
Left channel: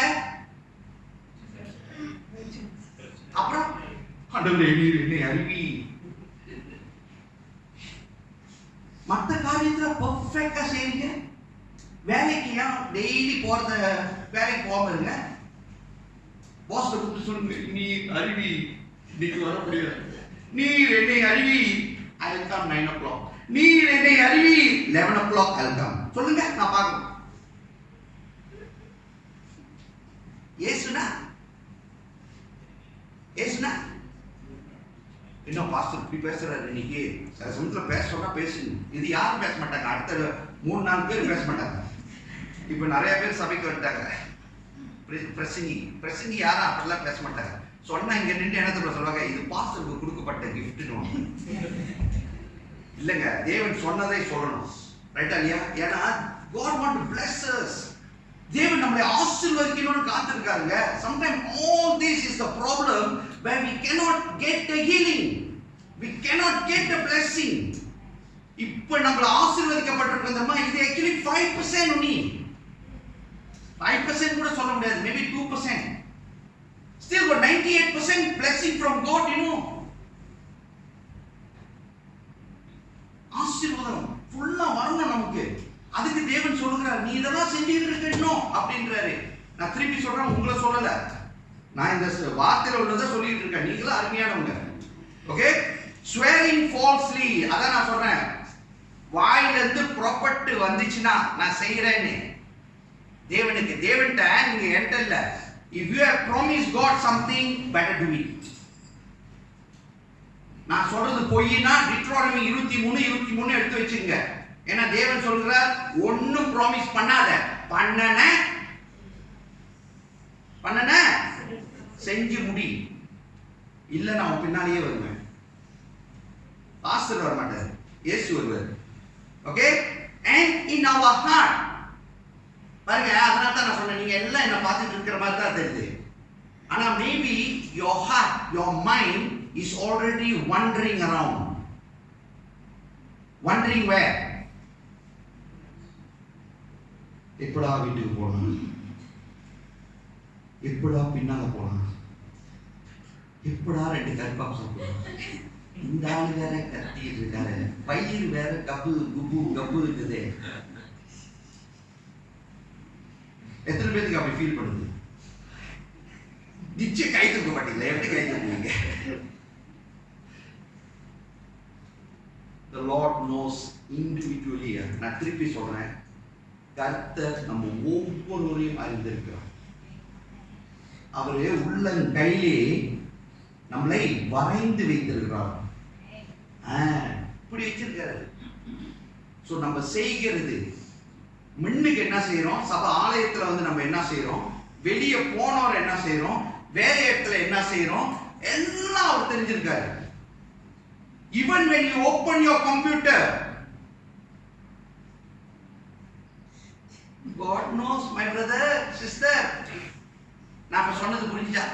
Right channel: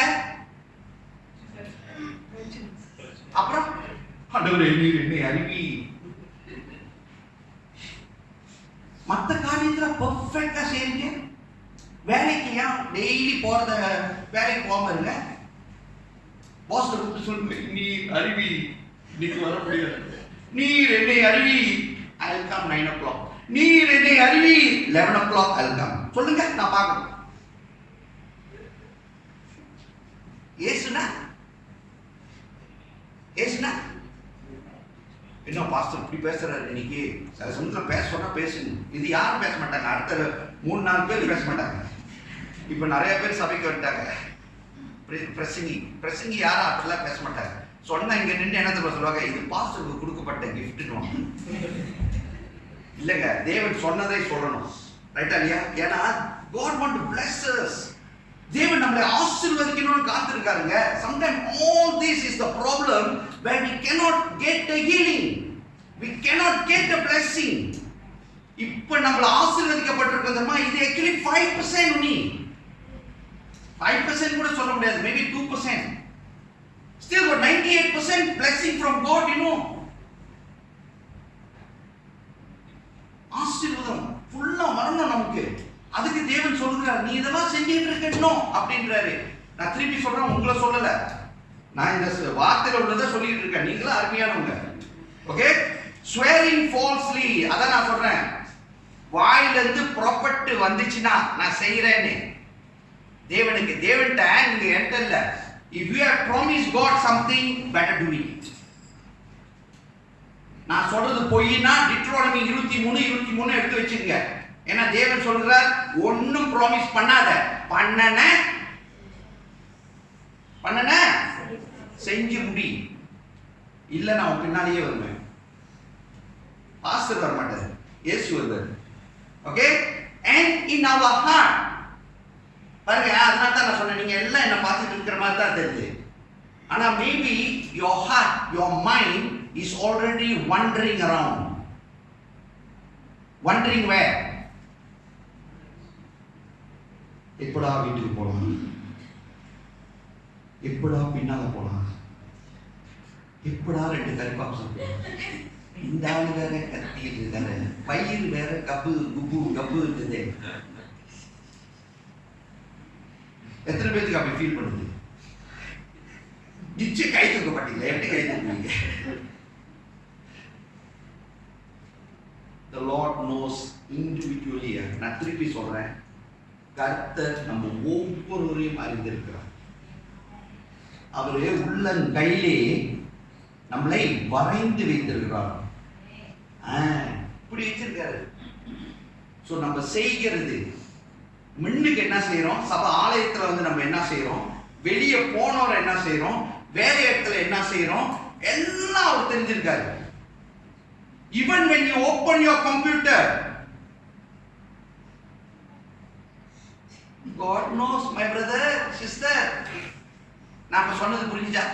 அப்புறம் ஆண்டவரே நீர் என்னை அறிவி. மற்ற காரியத்துல பெர்ஃபெக்ட்டா செய்றீங்க. வேலைக்கு ஏன் டெய்லி போறத வேலைக்கு போகாம இருங்க. பாஸ் கூப்பிட்டு சொல்லுங்க, நீர் அறிவி, இன்னைக்கு வர முடியாது. நீர் என்னை அறிவி, I will come 9 o'clock. நீர் என்னை அறிவி, 11 o'clock I will come. சொல்லுங்க, நான் பார்க்கணும். ஏசுனா என்ன பாஸ்டர் இப்படி பேசுறாரு இன்னைக்கு? சில சமயத்தில் பேச சொன்னா பேசுங்க. இது யாரும் பேச மாட்டாங்க, அடுத்த 3-4 பேர் பேச மாட்டாங்க. இப்போ நிறைய பேர் சபைக்கு வந்துட்டாங்க. பிரசங்கி யாரும் அப்படிலாம் பேச மாட்டாங்க. சொன்னா இங்க நின்று என்ன தெரியுமா சொல்லுவாங்க? இது பாஸ்டருக்கு கொடுக்கப்பட்ட கிஃப்ட்னு. இல்லைங்க, தேவன் சொன்னதை சொல்லணும். ரைட்டா இல்லையா? ஏன்னா God want to bless us. தேவன் நம்மளை ஆசீர்வதிக்கணும்னு காத்திருக்காருங்க. Sometimes all this is the problem where we cannot get the healing, we cannot get the blessing. இப்போ நம்மள ஆசீர்வதிக்கப்பட்டிருக்கோம்மா, இது actually 5% only. 5% கூட சொல்ல முடியாது, maybe 2%. Still got 98% blessing from God, you know. ஆசீர்வாதம் ஃபுல்லா வரணும் நமக்கு. அதுக்கு தேவன் சொல்லுகிறார், நீ இதெல்லாம் செஞ்சிட்டு இருக்கணும் அப்படின்றாரு. நான் திருப்பி சொல்றேன், உங்களை சொல்லல, நான் இந்த வார்த்தையில உள்ளதை சொல்லிட்டு இருக்கேன். நீங்களும் அருமையானவங்க. ஓகே, swearing falsely, அதான் நான் சொல்றேன். வாயில இருந்து புறப்பட்டு வந்துச்சுன்னா நான் செய்யறேன்னு தேவனுக்கு, தேவன்ட்ட நீங்க என்கிட்ட இல்ல. If you have promised God something, better do it. நான் சொல்றது பொய்னா டிட்ரோனமி 23:23 எடுத்து வச்சுங்க. ஏன்னா தேவன் சொல்றார், ஒன்னும் ப்ராமிஸ் பண்ணாத, பண்ணன செஞ்சு முடி, இல்ல நான் உன் பின்னாலேயே வருவேன். பாஸ்டர் வர மாட்டார், இயேசு வருவார். Okay, and in our heart பாருங்க, அதனால தான் நான் சொன்னேன், நீங்க எல்லாம் என்ன பார்த்துட்டு இருக்கிற மாதிரி தான் தெரியுது. ஆனா maybe your heart, your mind is already wandering around. Wondering where? எப்படா வீட்டுக்கு போலாம், எப்படா பின்னால போலாம், எப்படா 2 கறிப்பாப் சாப்பிடலாம், இந்த ஆளு வேற கத்திட்டு இருக்காரு, பயிர் வேற கப்பு குப்பு கப்பு இருக்குது. எத்தனை பேருக்கு அப்படி ஃபீல் பண்ணுது? நிச்சயம் கை தூக்க மாட்டீங்களா? எப்படி கை தூக்குவீங்க? The Lord knows individually. நான் திருப்பி சொல்றேன், கர்த்தர் நம்ம ஒவ்வொருவரையும் அறிந்திருக்கிறார். அவரு உள்ளங்கையிலே நம்மளை வரைந்து வைத்திருக்கிறார். இப்படி வச்சிருக்காரு. ஸோ நம்ம செய்கிறது, முன்னுக்கு என்ன செய்யறோம், சபை ஆலயத்துல வந்து நம்ம என்ன செய்யறோம், வெளியே போனவர் என்ன செய்யறோம், வேலை இடத்துல என்ன செய்யறோம், எல்லாம் அவர் தெரிஞ்சிருக்காரு. Even when you open your computer, God knows, my brother, sister. நாம சொன்னது புரிஞ்சா?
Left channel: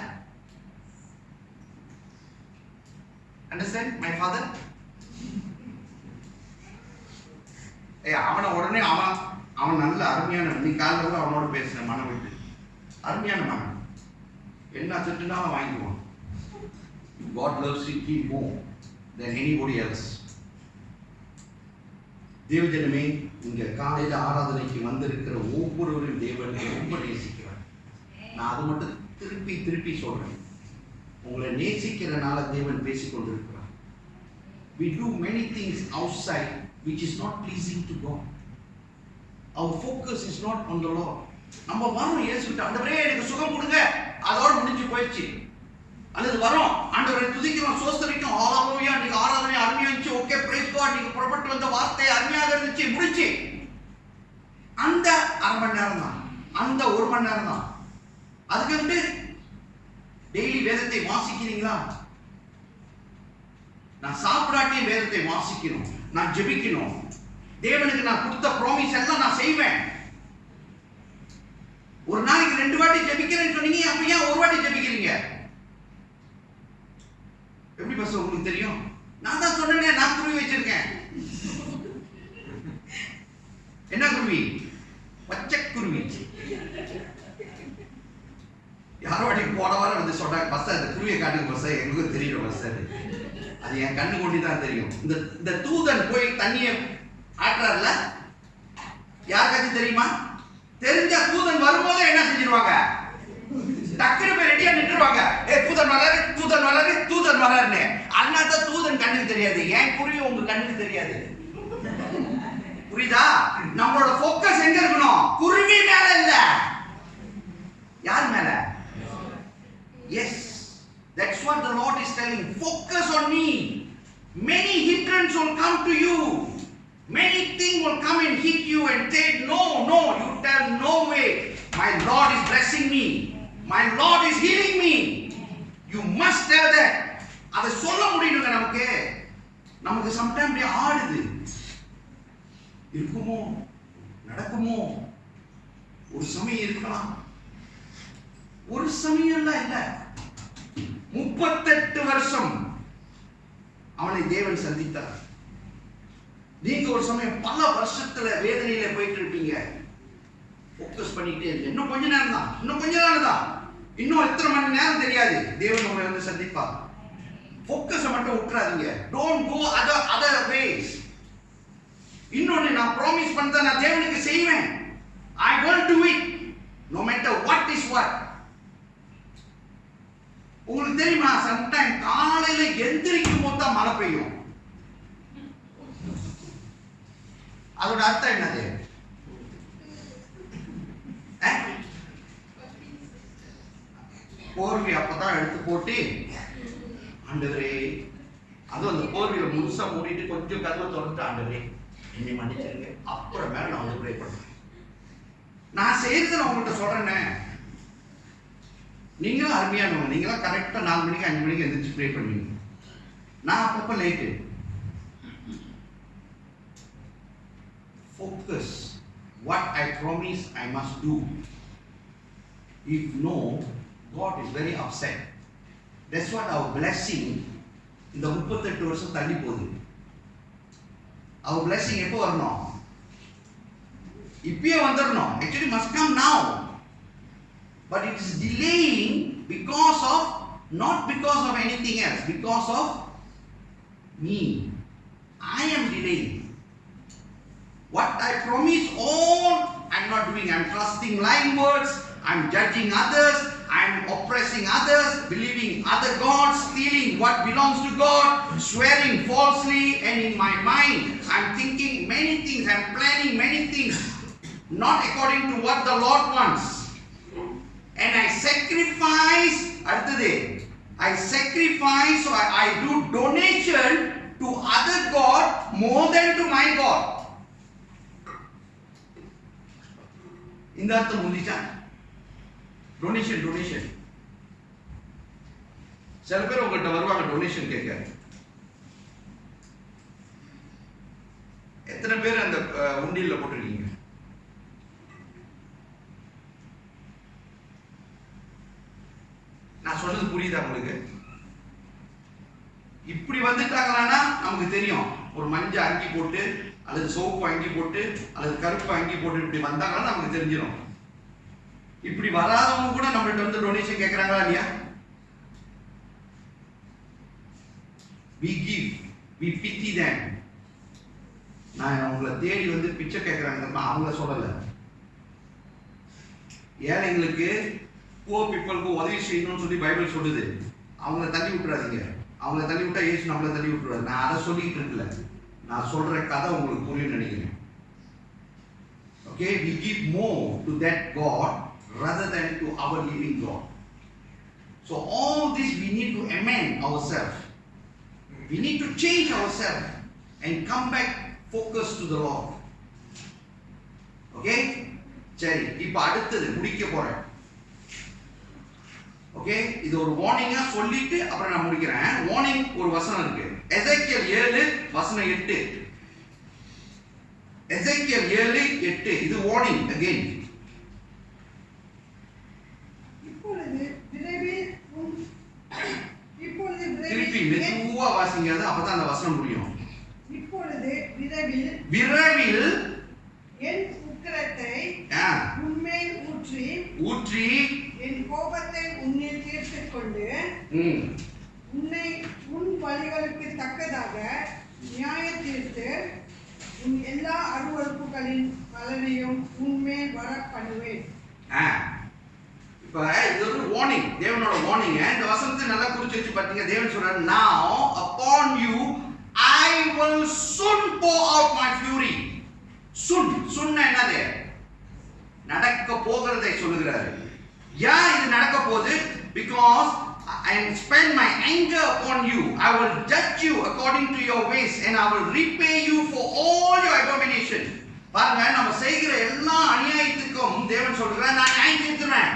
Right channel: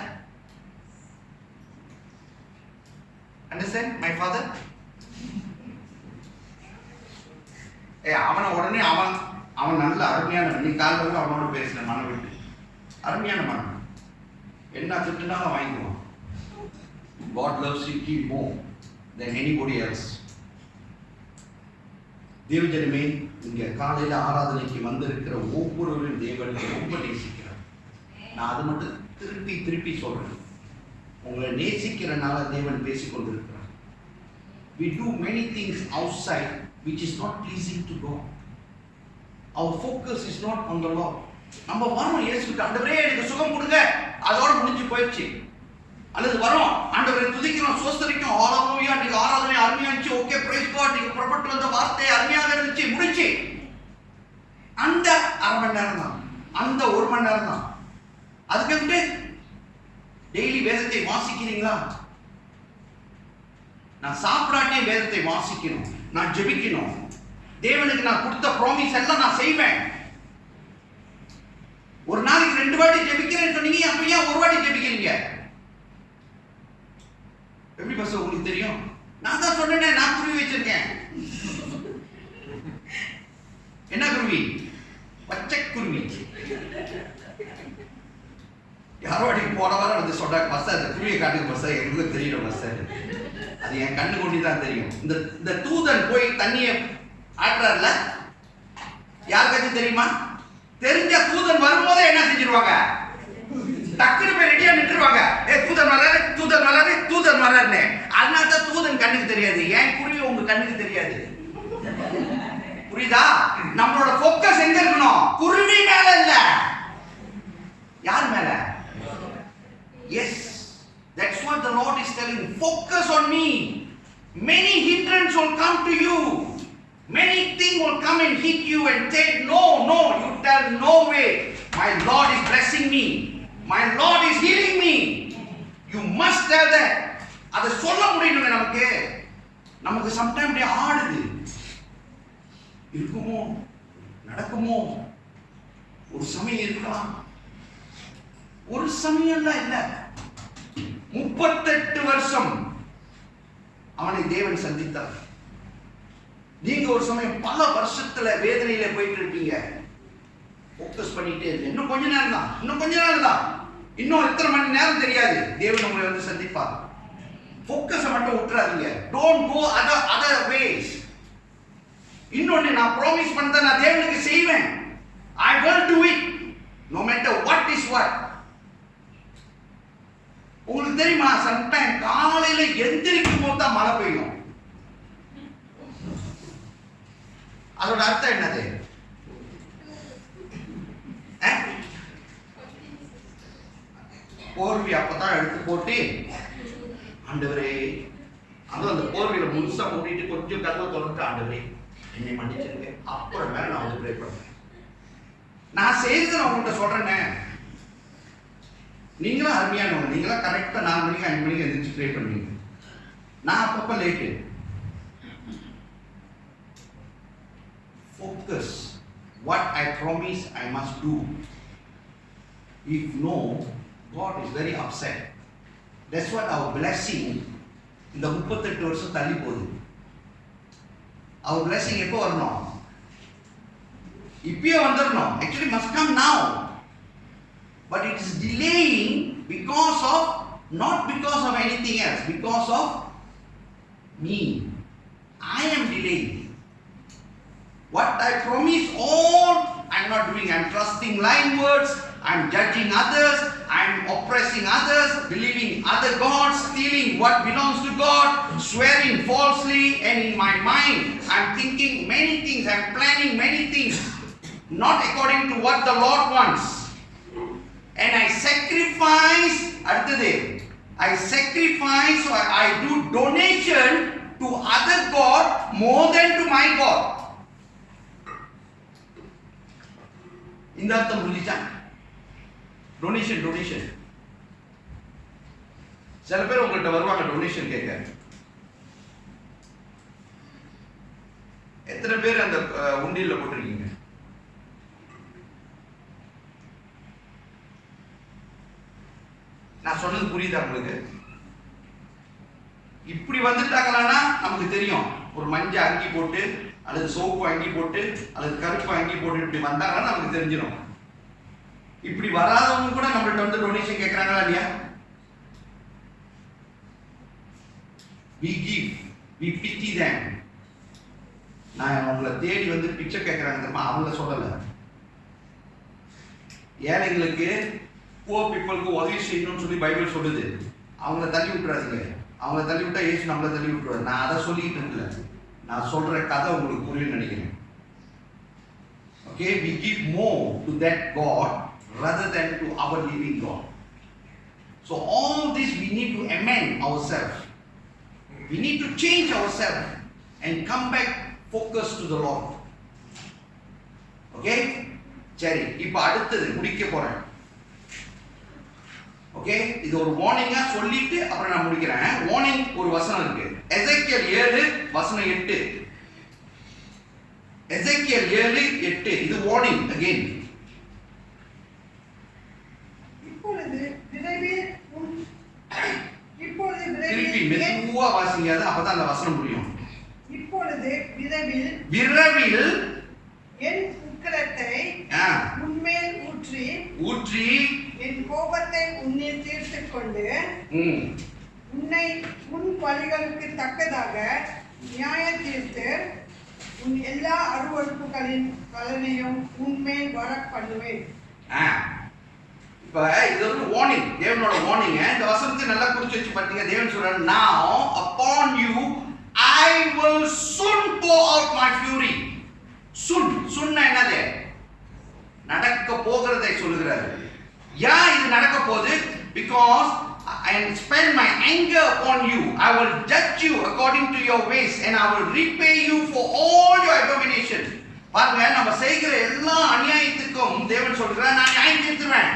Understand, my father? அவனை உடனே அவன் நல்ல அருமையான, நீ காலையில் அவனோட பேசின மனம் விட்டு அருமையான மனம், என்ன திட்டுனாலும் வாங்கிக்குவான். God loves you more than anybody else. தேவஜனமே, இங்க காலையில ஆராதனைக்கு வந்திருக்கிற ஒவ்வொருவரையும் தேவன் ரொம்ப நேசிக்கிறார். நான் அது மட்டும் திருப்பி திருப்பி சொல்றேன், உங்களை நேசிக்கிறனால தேவன் பேசிக் கொண்டிருக்கிறார். We do many things outside which is not pleasing to God. Our focus is not on the Lord. நம்ம வரோம் இயேசுகிட்ட, ஆண்டவரே எனக்கு சுகம் கொடுங்க, அதோட முடிஞ்சு போயிடுச்சு. அல்லது வரோம், ஆண்டவரை துதிக்கிறோம், சோஸ்தரிக்கும், ஹalleluya, நீங்க ஆராதனை அருமையா இருந்துச்சு, ஓகே பிரைஸ் காட், நீங்க புறப்பட்டு வந்த வார்த்தை அருமையாக இருந்துச்சு, முடிச்சு. அந்த அரை மணி நேரம் தான், அந்த 1 மணி நேரம் தான். அதுக்கு டெய்லி வேதத்தை வாசிக்கிறீங்களா? நான் சாப்பிடாட்டியும் வேதத்தை வாசிக்கணும், நான் ஜெபிக்கணும், தேவனுக்கு நான் கொடுத்த ப்ராமிஸ் எல்லாம் நான் செய்வேன். ஒரு நாளைக்கு 2 வாட்டி ஜெபிக்கிறேன்னு சொன்னீங்க, அப்ப ஏன் 1 வாட்டி ஜெபிக்கிறீங்க? எப்படி பஸ் உங்களுக்கு தெரியும்? நான் தான் சொன்னேனே, நான் குருவி வச்சிருக்கேன். என்ன குருவி? பச்சை குருவி. யாரோ வாட்டிக்கு போன வாரம் வந்து சொன்னாங்க, பஸ் அந்த குருவியை காட்டுக்கு பஸ், எங்களுக்கு தெரியும் பஸ், அது என் கண்ணு கொண்டு தான் தெரியும். இந்த தூதன் போய் தண்ணியை ஆட்டுறாருல, யாருக்காச்சும் தெரியுமா? தெரிஞ்ச தூதன் வரும்போதே என்ன செஞ்சிருவாங்க, டக்குனு போய் ரெடியா நின்றுவாங்க. தூதன் வளரு, தூதன் வளரு, தூதன் வளருன்னு. அதனால தான் தூதன் கண்ணுக்கு தெரியாது, ஏன் குருவி உங்க கண்ணுக்கு தெரியாது. புரியுதா? நம்மளோட ஃபோக்கஸ் எங்க இருக்கணும்? குருவி மேல இல்ல, யார் மேல? Yes, that's what the Lord is telling. Focus on me. Many hindrances will come to you. Many things will come and hit you and say, no, you tell no way. My Lord is blessing me. My Lord is healing me. You must tell that. அதை சொல்ல முடியணுங்க. நமக்கு sometime அப்படியே ஆடுது, இருக்குமோ நடக்குமோ, ஒரு சமயம் இருக்கலாம், ஒரு சமயம்லாம் இல்ல. 38 வருஷம் அவனை தேவன் சந்தித்தார். நீங்க ஒரு சமயம் பல வருஷத்துல வேதனையில போயிட்டு இருப்பீங்க. ஃபோக்கஸ் பண்ணிட்டே இருக்கு, இன்னும் கொஞ்ச நேரம் தான், இன்னும் கொஞ்ச நேரம் தான், இன்னும் எத்தனை மணி நேரம் தெரியாது, தேவன் உங்களை வந்து சந்திப்பார். ஃபோக்கஸை மட்டும் விட்டுறாதீங்க. Don't go other ways. இன்னொன்னு, நான் ப்ராமிஸ் பண்ணத நான் தேவனுக்கு செய்வேன். I will do it no matter what is what. உங்களுக்கு தெரியுமா, சம்டைம் காலையில எந்திரிக்கும் போது தான் மழை பெய்யும். அதோட அர்த்தம் என்னது? போர்வை அப்பதான் எடுத்து போட்டு, ஆண்டவரே, அதுவும் அந்த போர்வையில முழுசா மூடிட்டு கொஞ்சம் கதவை திறந்து, ஆண்டவரே என்னை மன்னிச்சிருங்க, அப்புறம் மேல நான் வந்து ப்ரே பண்ணுவேன். நான் செய்ததை நான் உங்கள்கிட்ட சொல்றேனே, நீங்களும் அருமையானவங்க, நீங்களாம் கரெக்டாக 4 மணிக்கு 5 மணிக்கு எந்திரிச்சு ப்ரே பண்ணுவீங்க. நான் அப்பப்போ late. Focus. What I promise I must do. If no, God is very upset. That's what our blessing இந்த 38 வருஷம் தள்ளி போகுது. Our blessing எப்போ வரணும்? இப்பயே வந்துடணும். Actually must come now. But it is delaying because of, not because of anything else, because of me. I am delaying. What I promise all I'm not doing. I'm trusting lying words. I'm judging others. I'm oppressing others, believing other gods, stealing what belongs to God, swearing falsely, and in my mind I'm thinking many things. I'm planning many things, not according to what the Lord wants. And I sacrifice, I sacrifice, or I do donation to other God more than to my God. இந்த அர்த்தம் புரிஞ்சுச்சா? Donation. சில பேர் உங்கள்கிட்ட வருவாங்க donation கேட்க. எத்தனை பேர் அந்த உண்டியல்ல போட்டிருக்கீங்க? நான் சொன்னது புரியுதா உங்களுக்கு? இப்படி வந்துட்டாங்களான்னா நமக்கு தெரியும். ஒரு மஞ்சள் அங்கி போட்டு அல்லது சோப்பு அங்கி போட்டு அல்லது கருப்பு அங்கி போட்டு இப்படி வந்தாங்கன்னா நமக்கு தெரிஞ்சிடும். இப்படி வராதவங்க கூட நம்மள்ட்ட வந்து டொனேஷன் கேட்கறாங்களா இல்லையா? we give, we pity them. நான் உங்களை தேடி வந்து பிச்சை கேட்கறாங்க தெரியுமா? அவங்க சொல்லல. ஏழைங்களுக்கு poor peopleக்கு உதவி செய்யணும்னு சொல்லி பைபிள் சொல்லுது. அவங்கள தள்ளி விட்டுறாதீங்க. அவங்கள தள்ளி விட்டா இயேசு நம்மளை தள்ளி விட்டுருவாரு. நான் அதை சொல்லிட்டு இருக்கல. நான் சொல்ற கதை உங்களுக்கு புரியும்னு நினைக்கிறேன். Okay, we give more to that God rather than to our living God. So all this we need to amend ourselves. We need to change ourselves and come back focused to the Lord. Okay? சரி, இப்போ அடுத்தது முடிக்க போறேன். Okay, இது ஒரு வார்னிங்கா சொல்லிட்டு அப்புறம் நான் முடிக்கிறேன். வார்னிங் ஒரு வசனம் இருக்கு. எசேக்கியேல் 7 வசனம் 8. எசேக்கியேல் 7:8. இது வார்னிங் அகைன். திருப்பி மெதுவா வாசிங்க, அப்பதான் அந்த வசனம் புரியும். இப்பொழுது விரைவில் என் உக்கிரத்தை உன்மேல் ஊற்றி என் கோபத்தை உன்னில் தீர்த்துக் கொண்டு உன்னை உன் வழிகளுக்கு தக்கதாக நியாய தீர்த்து உன் எல்லா அருவருப்புகளின் பலனையும் உன்மேல் வர பண்ணுவேன். இப்ப இது ஒரு வார்னிங், தேவனோட வார்னிங். இந்த வசனத்தை நல்லா குறிச்சு வச்சு பாத்தீங்க. தேவன் சொல்றாரு, now upon you I will soon pour out my fury. soon என்னது? நடக்க போகிறதை சொல்லுகிறாரு. ஏன் இது நடக்க போகுது? because I spend my anger upon you. I will judge you according to your ways and I will repay you for all your abomination. பாருங்க, நம்ம செய்கிற எல்லா அநியாயத்துக்கும் தேவன் சொல்றார், நான் நியாயம் தீர்த்துறேன்.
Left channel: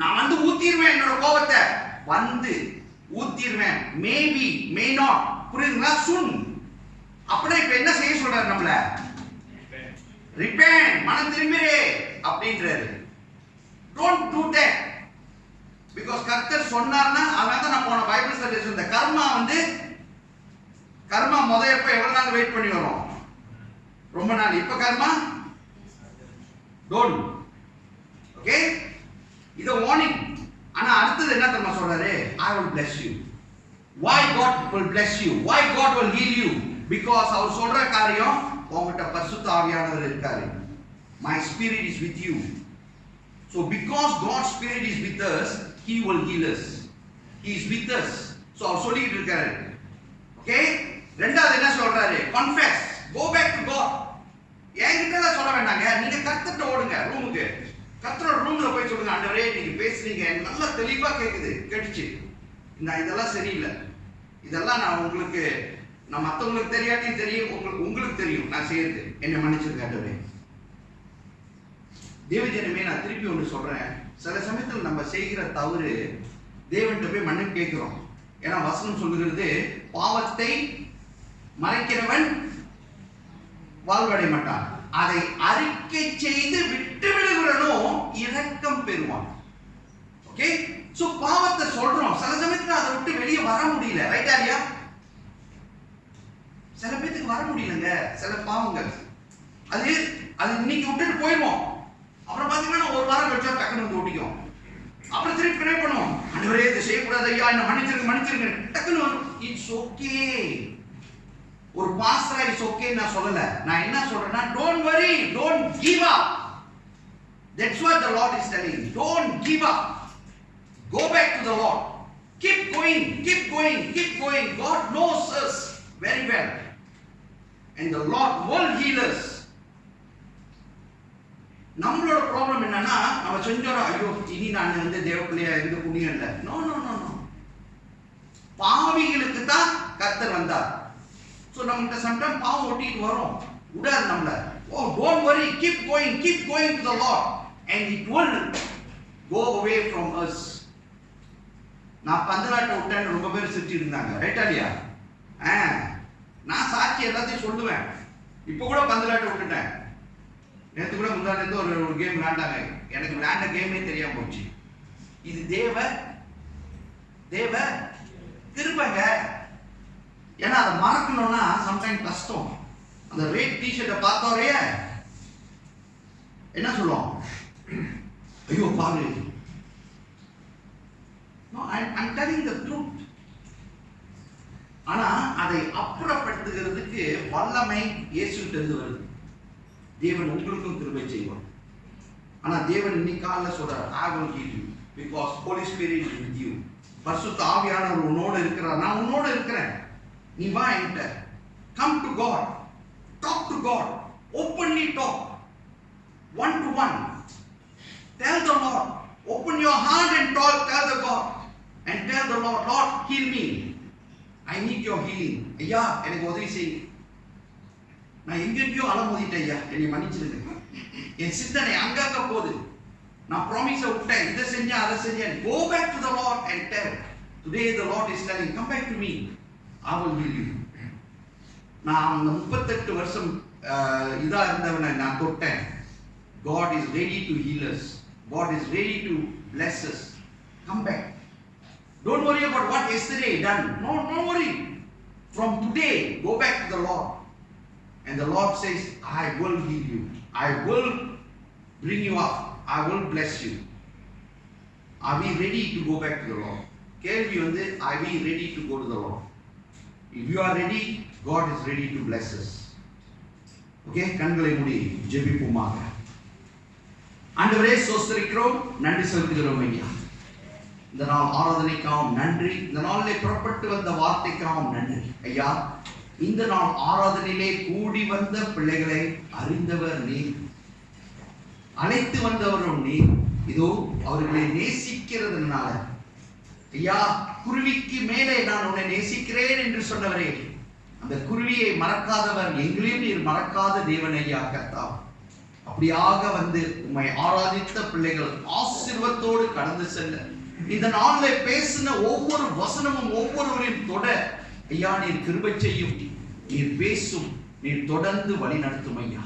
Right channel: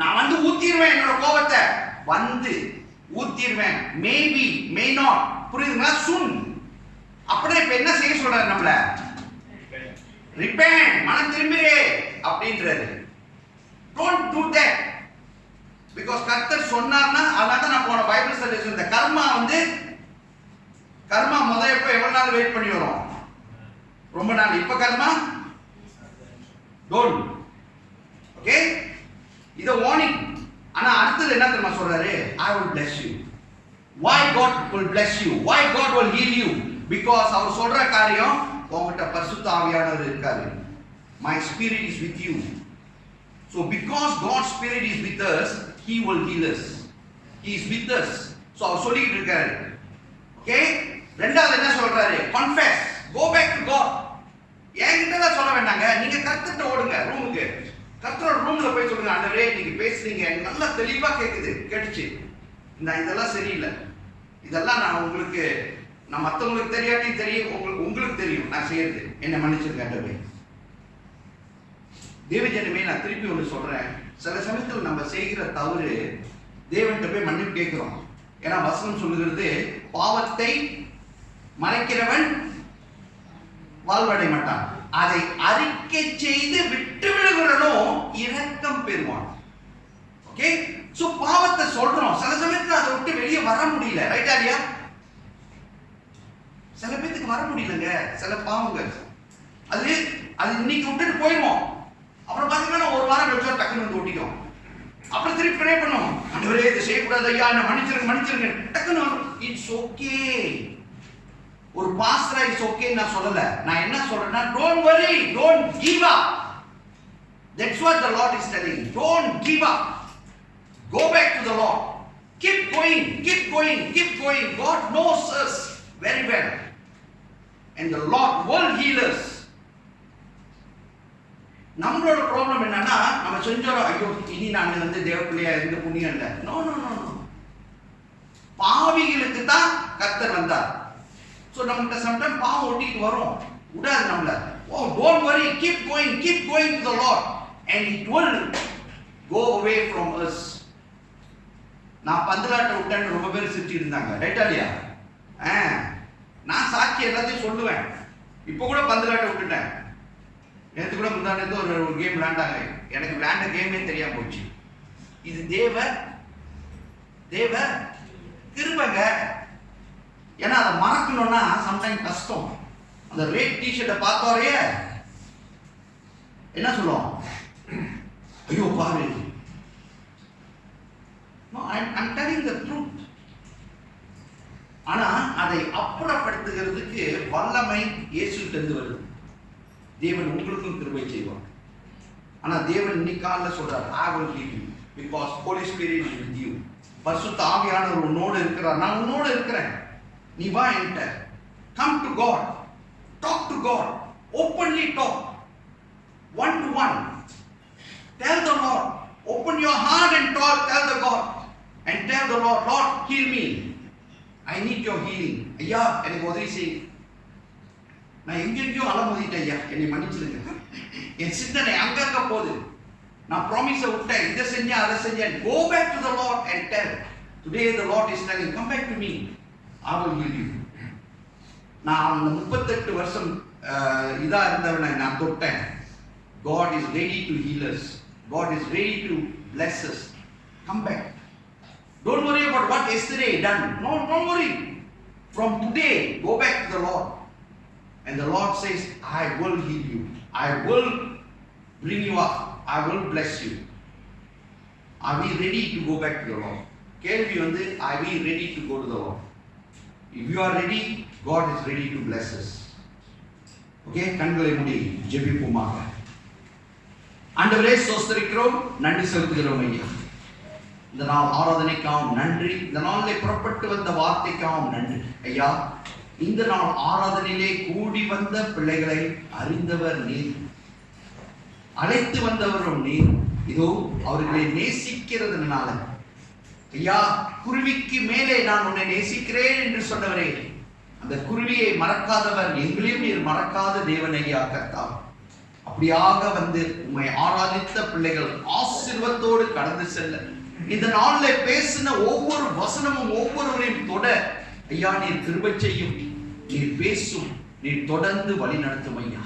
நான் வந்து ஊத்திடுவேன், என்னோட கோபத்தை வந்து ஊத்திடுவேன். Maybe may not. புரியுதுங்களா? soon. அப்படின்னா இப்ப என்ன செய்ய சொல்றாரு நம்மள? repent, மனம் திரும்பிரே அப்படின்றாரு. don't do that. because கர்த்தர் சொன்னார்னா, அதனால தான் நான் போன பைபிள் ஸ்டடி இந்த கர்மா எப்போ எவ்வளவு நாள் வெயிட் பண்ணி வரும்? ரொம்ப நாள். இப்ப கர்மா don't. ஓகே, இது வார்னிங். ஆனா அடுத்தது என்ன தெரியுமா சொல்றாரு? I will bless you. why God will bless you? why God will heal you? because அவர் சொல்ற காரியம், உங்ககிட்ட பரிசுத்த ஆவியானவர் இருக்காரு. my spirit is with you. so because God's spirit is with us, he will heal us. he is with us. so அவர் சொல்லிட்டு இருக்காரு. Okay, ரெண்டாவது என்ன சொல்றாரு? confess, go back to God. என்கிட்ட சொல்ல வேண்டாங்க, நீங்க கர்த்தர்ட்ட ஓடுங்க ரூமுக்கு. கர்த்தரோட ரூம்ல போய் சொல்லுங்க, ஆண்டவரே நீங்க பேசுறீங்க எனக்கு நல்லா தெளிவா கேட்டுச்சு. இதெல்லாம் சரியில்லை. இதெல்லாம் நான் மற்றவங்களுக்கு தெரியாட்டியும் தெரியும், உங்களுக்கு தெரியும் நான் செய்யறது. என்ன மன்னிச்சிருக்க ஆண்டவரே. தேவஜனமே, நான் திருப்பி ஒன்று சொல்றேன். சில சமயத்தில் நம்ம செய்கிற தவறு தேவன்கிட்ட போய் மன்னிப்பு கேட்கிறோம். ஏன்னா வசனம் சொல்லுகிறது, பாவத்தை மறைக்கிறவன் வாழ்வடை மாட்டான், அதை அறிக்கை செய்து விட்டு விடுகிறனோ இரக்கம் பெறுவான். ஓகே? சோ பாவத்தை சொல்றோம், சில சமயத்துல அதை விட்டு வெளியே வர முடியல. ரைட்டா இல்லையா? சில பேருக்கு வர முடியலங்க சில பாவங்கள். அது இன்னைக்கு விட்டுட்டு போயிடுவோம், அப்புறம் பாத்தீங்கன்னா ஒரு வாரம் கழிச்சா டக்குன்னு வந்து ஒட்டிக்கும். அப்புறம் திருப்பி ப்ரே பண்ணுவோம், ஆண்டவரே இதை செய்யக்கூடாது ஐயா, என்ன மன்னிச்சிருங்க டக்குன்னு வரும். It's okay. ஒரு பாஸ்டரா இட்ஸ் ஓகே நான் சொல்லல. நான் என்ன சொல்றேன்னா, don't worry, don't give up. That's what the Lord is telling. Don't give up. Go back to the Lord. Keep going, keep going, keep going. God knows us very well. And the Lord will heal us. நம்மளோட problem என்னன்னா, நம்ம செஞ்சோம் ஐயோ இனி நான் வந்து தேவ பிள்ளையா இருந்து புண்ணியம் இல்லை. No no no no. பாவிகளுக்கு தான் கர்த்தர் வந்தார். ஸோ நம்மகிட்ட சம்டைம் பாவம் ஒட்டிட்டு வரும், விடாது நம்மள. ஓ don't worry, keep going to the Lord and it will go away from us. நான் பந்தலாட்டை விட்டேன்னு ரொம்ப பேர் சிரிச்சு இருந்தாங்க. ரைட்டா இல்லையா? நான் சாட்சி எல்லாத்தையும் சொல்லுவேன். இப்போ கூட பந்தலாட்டை விட்டுட்டேன். நேற்று கூட முந்தானத்து ஒரு கேம் விளையாண்டாங்க, எனக்கு விளையாண்ட கேமே தெரியாம போச்சு. இது தேவ கிருபைங்க. ஏன்னா அதை மறக்கணும்னா சம்டைம் கஷ்டம். அந்த ரெட் டிஷர்ட்டை பார்த்தோரைய என்ன சொல்லுவோம், ஐயோ பாரு. No, I'm telling the truth. ஆனா அதை அப்புறப்படுத்துகிறதுக்கு வல்லமை இயேசுவிட்ட இருந்து வருது. தேவன் உங்களுக்கும் கிருபை செய்வார். ஆனா தேவன் இன்னைக்கு காலைல சொல்றார், I will heal you because Holy Spirit is with you. பரிசுத்த ஆவியானவர் உன்னோடு இருக்கிறார். நான் உன்னோடு இருக்கிறேன், நீ வா என்கிட்ட. Come to God, talk to God, openly talk, one to one. Tell the Lord, open your heart and talk, tell the God and tell the Lord, Lord heal me, I need your healing. ஐயா எனக்கு உதவி செய், நான் எங்கெங்கயோ அலமுதிட்டேன் ஐயா, என்னை மன்னிச்சிருங்க. என் சிந்தனை அங்கங்க போகுது, நான் ப்ராமிஸை விட்டேன், இதை செஞ்சேன் அதை செஞ்சேன். Go back to the Lord and tell. Today the Lord is telling, come back to me, I will heal you. நான் அந்த 38 வருஷம் இதா இருந்தவனை நான் தொட்டேன். God is ready to heal us. God is ready to bless us. Come back. Don't worry about what yesterday done. No, don't worry. From today, go back to the Lord. And the Lord says, I will heal you. I will bring you up. I will bless you. Are we ready to go back to the Lord? கேள்வி வந்து, are we ready to go to the Lord? If you are ready, God is ready to bless us. Okay, கண்களை மூடி ஜெபிப்போமாக. ஆண்டவரே ஸ்தோத்திரிக்கிறோம், நன்றி செலுத்துகிறோம் ஐயா. இந்த நாள் ஆராதனைக்காகவும் நன்றி, இந்த நாளிலே புறப்பட்டு வந்த வார்த்தைக்காகவும் நன்றி ஐயா. இந்த நாள் ஆராதனையிலே கூடி வந்த பிள்ளைகளை அறிந்தவர் நீர், அழைத்து வந்தவரும் நீர். இதோ அவர்களை நேசிக்கிறதுனால ஐயா, குருவிக்கு மேலே நான் உன்னை நேசிக்கிறேன் என்று சொன்னவரே, அந்த குருவியை மறக்காதவர், எங்களையும் நீர் மறக்காத தேவன் ஐயா கர்த்தா. அப்படியாக வந்து உம்மை ஆராதித்த பிள்ளைகள் ஆசீர்வாதத்தோடு கடந்து செல்ல, இந்த நாளில் பேசின ஒவ்வொரு வசனமும் ஒவ்வொருவரையும் தொட ஐயா நீர் கிருபை செய்யும், நீர் பேசும், நீர் தொடர்ந்து வழி நடத்தும் ஐயா.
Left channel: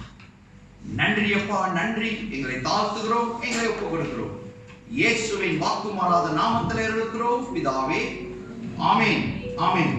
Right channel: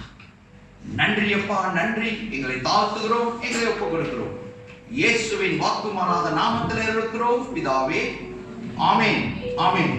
நன்றி அப்பா, நன்றி. எங்களை தாழ்த்துகிறோம், எங்களை ஒப்புக் கொடுக்கிறோம். இயேசுவின் வாக்கு மாறாத நாமத்தில் இருக்கிறோம் பிதாவே. ஆமென், ஆமென்.